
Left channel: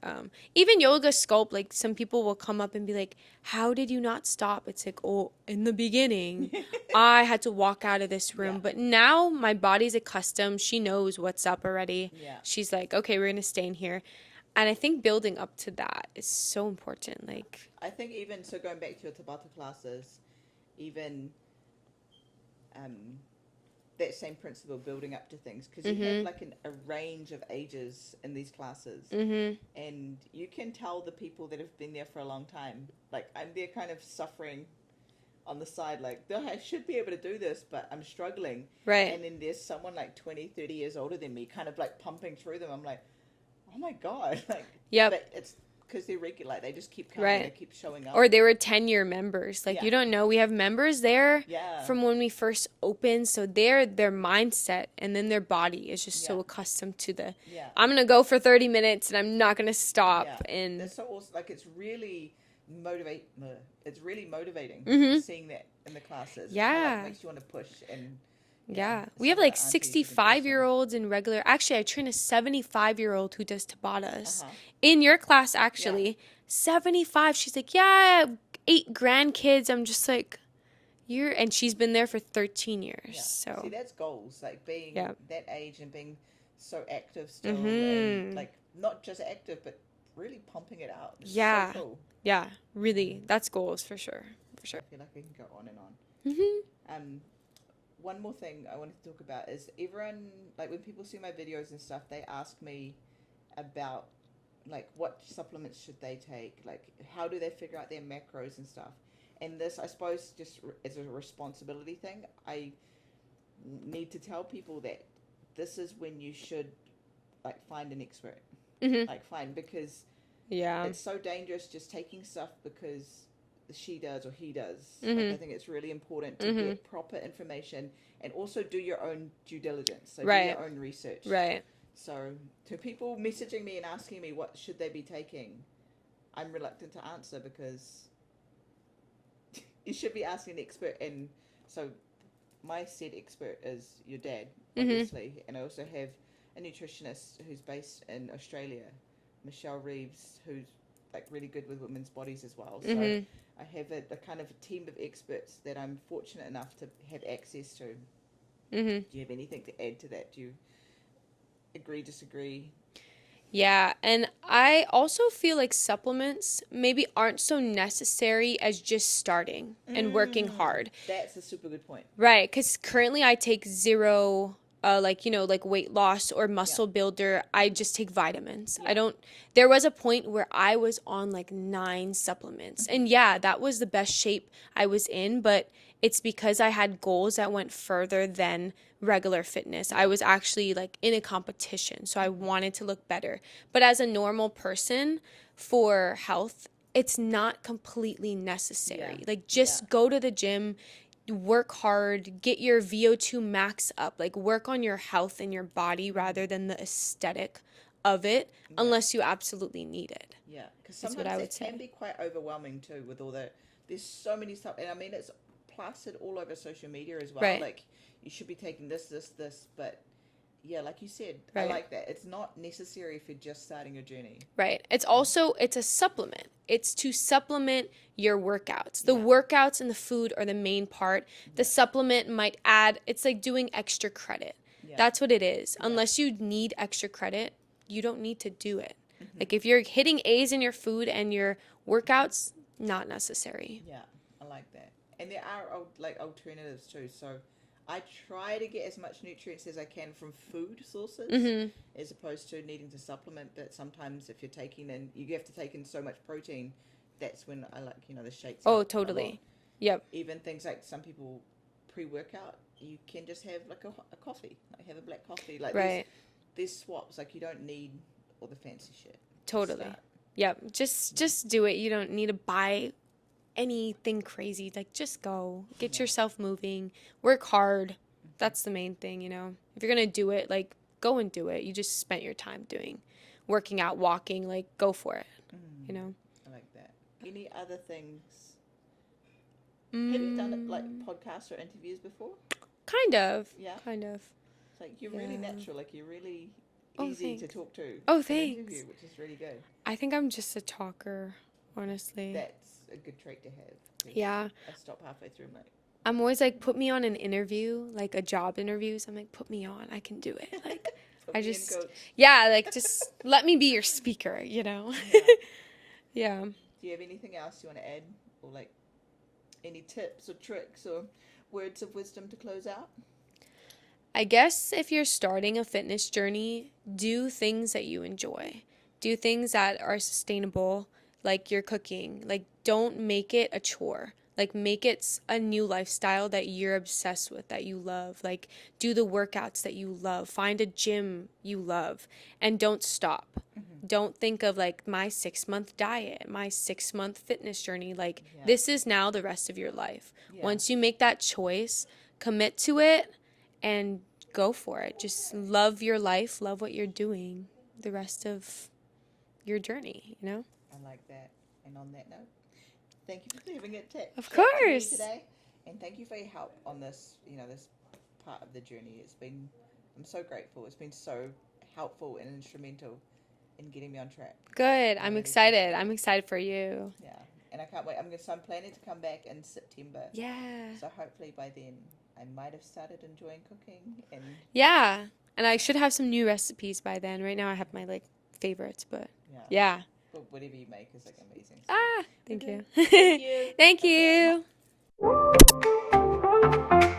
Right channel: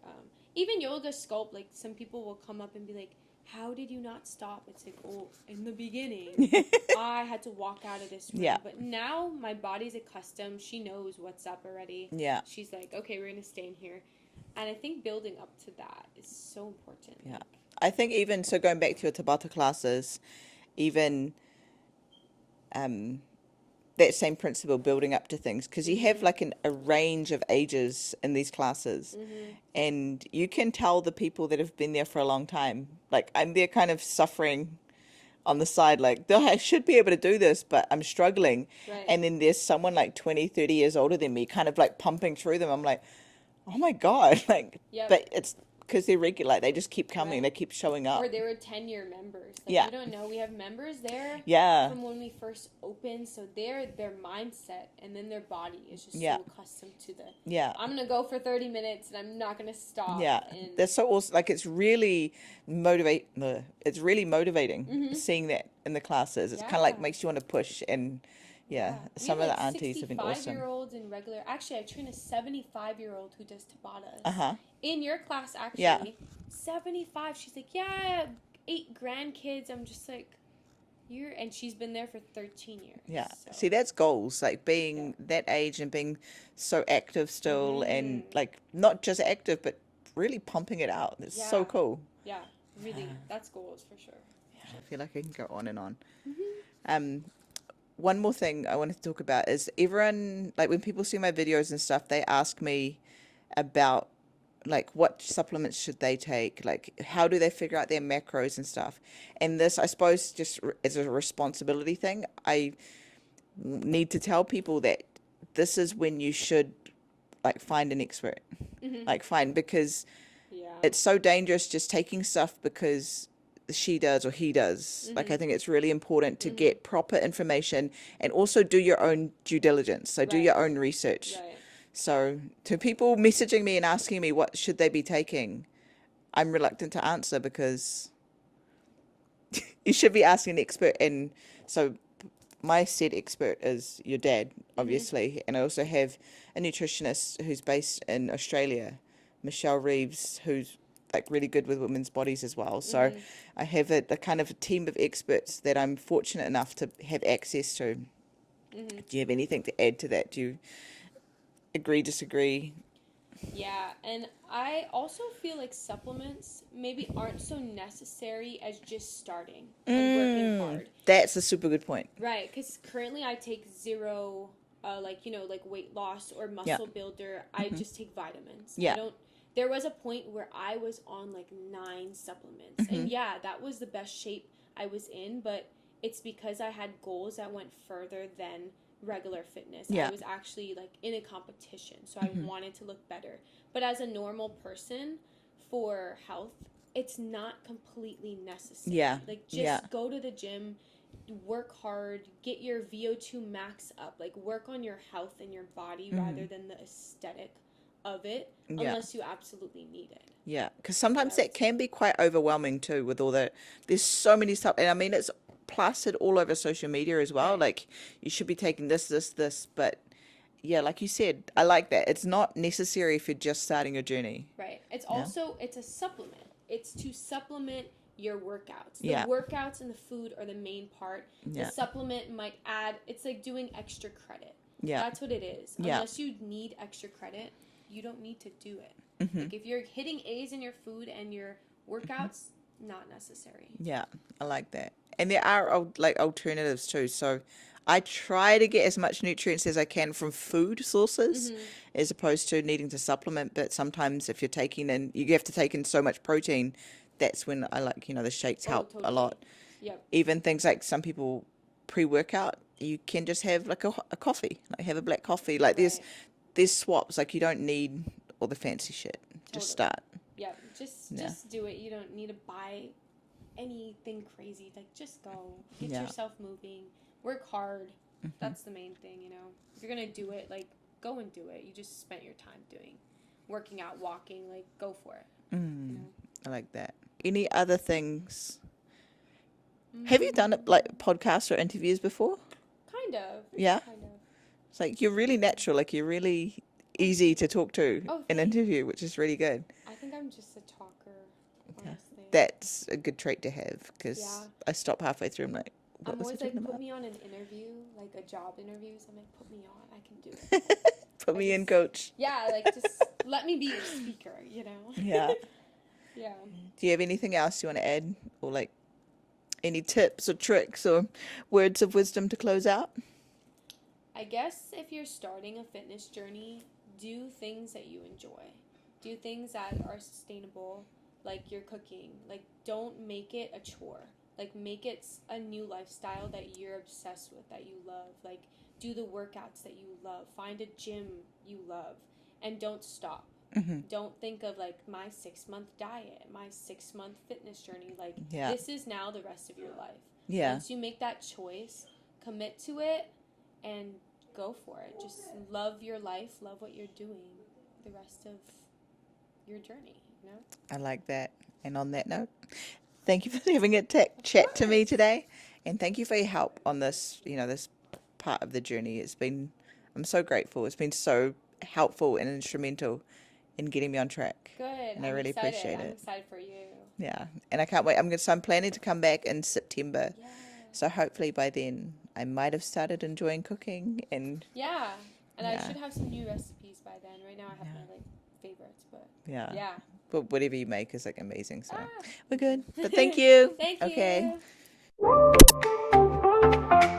even yoga sculpt, like some people will come up and be like, how did you not stop? It's like, oh, in the beginning, I had to walk out of this room. Yeah. But now my body's accustomed. She knows what's up already. Yeah. She's like, okay, we're going to stay in here. And I think building up to that is so important. Like, I think even, so going back to your Tabata classes, even that same principle, building up to things, because you have like a range of ages in these classes, and you can tell the people that have been there for a long time. Like I'm there kind of suffering on the side, like I should be able to do this, but I'm struggling. Right. And then there's someone like 20, 30 years older than me kind of like pumping through them. I'm like, oh my God. Like, Yep. it's because they're regular. Like, they just keep coming. Right. They keep showing up. or they were 10-year members. Like, Yeah. you don't know. We have members there Yeah. from when we first opened. So their mindset and then their body is just Yeah. so accustomed to the, Yeah. I'm going to go for 30 minutes and I'm not going to stop. Yeah, And that's so awesome. Like it's really It's really motivating seeing that in the classes. It's kind of Yeah. like makes you want to push and yeah. We some have of like the aunties have been 65-year-olds in regular. Actually, I train a 75-year-old who does Tabatas. Uh-huh. In your class, actually. 75. She's like, yeah, 8 grandkids. I'm just like, and she's been there for 13 years. Yeah. So. See, that's goals. Like being Yeah. that age and being so active still, Mm-hmm. and like not just active, but really pumping it out. It's so Yeah. cool. Yeah, really. That's goals for sure. For sure. I feel like I can go on and on. Mm-hmm. One more thing I wanted to talk about is everyone, like when people see my videos and stuff, they ask me about like what supplements should they take, like how do they figure out their macros and stuff. And this, I suppose, just as a responsibility thing, I need to tell people that this is when you should like find an expert, because Yeah. it's so dangerous just taking stuff because she does or he does. Mm-hmm. Like, I think it's really important to get proper information and also do your own due diligence. So do your own research. Right. So to people messaging me and asking me what should they be taking, I'm reluctant to answer because you should be asking an expert. And so my said expert is your dad, obviously. And I also have a nutritionist who's based in Australia, Michelle Reeves, who's like really good with women's bodies as well. So I have a kind of a team of experts that I'm fortunate enough to have access to. Do you have anything to add to that? Do you agree, disagree? Yeah, and I also feel like supplements maybe aren't so necessary as just starting and working hard. That's a super good point. Right, because currently I take zero, like, like weight loss or muscle builder. I just take vitamins. Yeah. I don't, there was a point where I was on like 9 supplements. And yeah, that was the best shape I was in, but it's because I had goals that went further than regular fitness. I was actually like in a competition, so I wanted to look better. But as a normal person, for health, it's not completely necessary. Like, just go to the gym, work hard, get your VO2 max up, like work on your health and your body rather than the aesthetic of it, unless you absolutely need it. Yeah, because sometimes that can be quite overwhelming too, with all the, there's so many stuff. And I mean, it's plastered all over social media as well. Like, you should be taking this, but yeah, like you said, I like that. It's not necessary if you're just starting your journey. Right. It's also, it's a supplement. It's to supplement your workouts. The workouts and the food are the main part. The supplement might add, it's like doing extra credit. That's what it is. Unless you need extra credit, you don't need to do it. Like, if you're hitting A's in your food and your workouts, not necessary. Yeah, I like that. And there are like alternatives too. So I try to get as much nutrients as I can from food sources as opposed to needing to supplement. But sometimes if you're taking in, you have to take in so much protein, that's when I like, the shakes help a lot. Yep. Even things like some people pre-workout, you can just have like a coffee, like have a black coffee. Like there's swaps. Like, you don't need all the fancy shit. Just start. Yep. Just do it. You don't need to buy anything crazy. Like, just go, get yourself moving, work hard. That's the main thing. If you're gonna do it, like, go and do it. You just spent your time working out, walking, like, go for it. I like that. Any other things? Have you done it like podcasts or interviews before? Kind of. Yeah. Kind of. It's like, you're really natural. Like, you're really easy to talk to and interview, which is really good. I think I'm just a talker. Honestly, that's a good trait to have, because I stop halfway through. I'm always like, put me on an interview, like a job interview. So I'm like, put me on, I can do it. Like, put me in, coach. Yeah, like, just let me be your speaker. Yeah. Yeah. Do you have anything else you want to add, or like any tips or tricks or words of wisdom to close out? I guess if you're starting a fitness journey, do things that you enjoy. Do things that are sustainable. Like your cooking, like, don't make it a chore. Like, make it a new lifestyle that you're obsessed with, that you love. Like, do the workouts that you love. Find a gym you love, and don't stop. Don't think of like my 6-month diet, my 6-month fitness journey. Like, this is now the rest of your life. Once you make that choice, commit to it and go for it. Just love your life, love what you're doing the rest of your journey, I like that. And on that note, thank you for having a chat to me today, and thank you for your help on this, this part of the journey. I'm so grateful. It's been so helpful and instrumental in getting me on track. Good. I'm really excited. I'm excited for you. Yeah, and I can't wait. I'm planning to come back in September. Yeah. So hopefully by then I might have started enjoying cooking, and I should have some new recipes by then. Right now I have my favorites, but but whatever you make is like amazing. So thank you. Thank you. Thank you. Okay.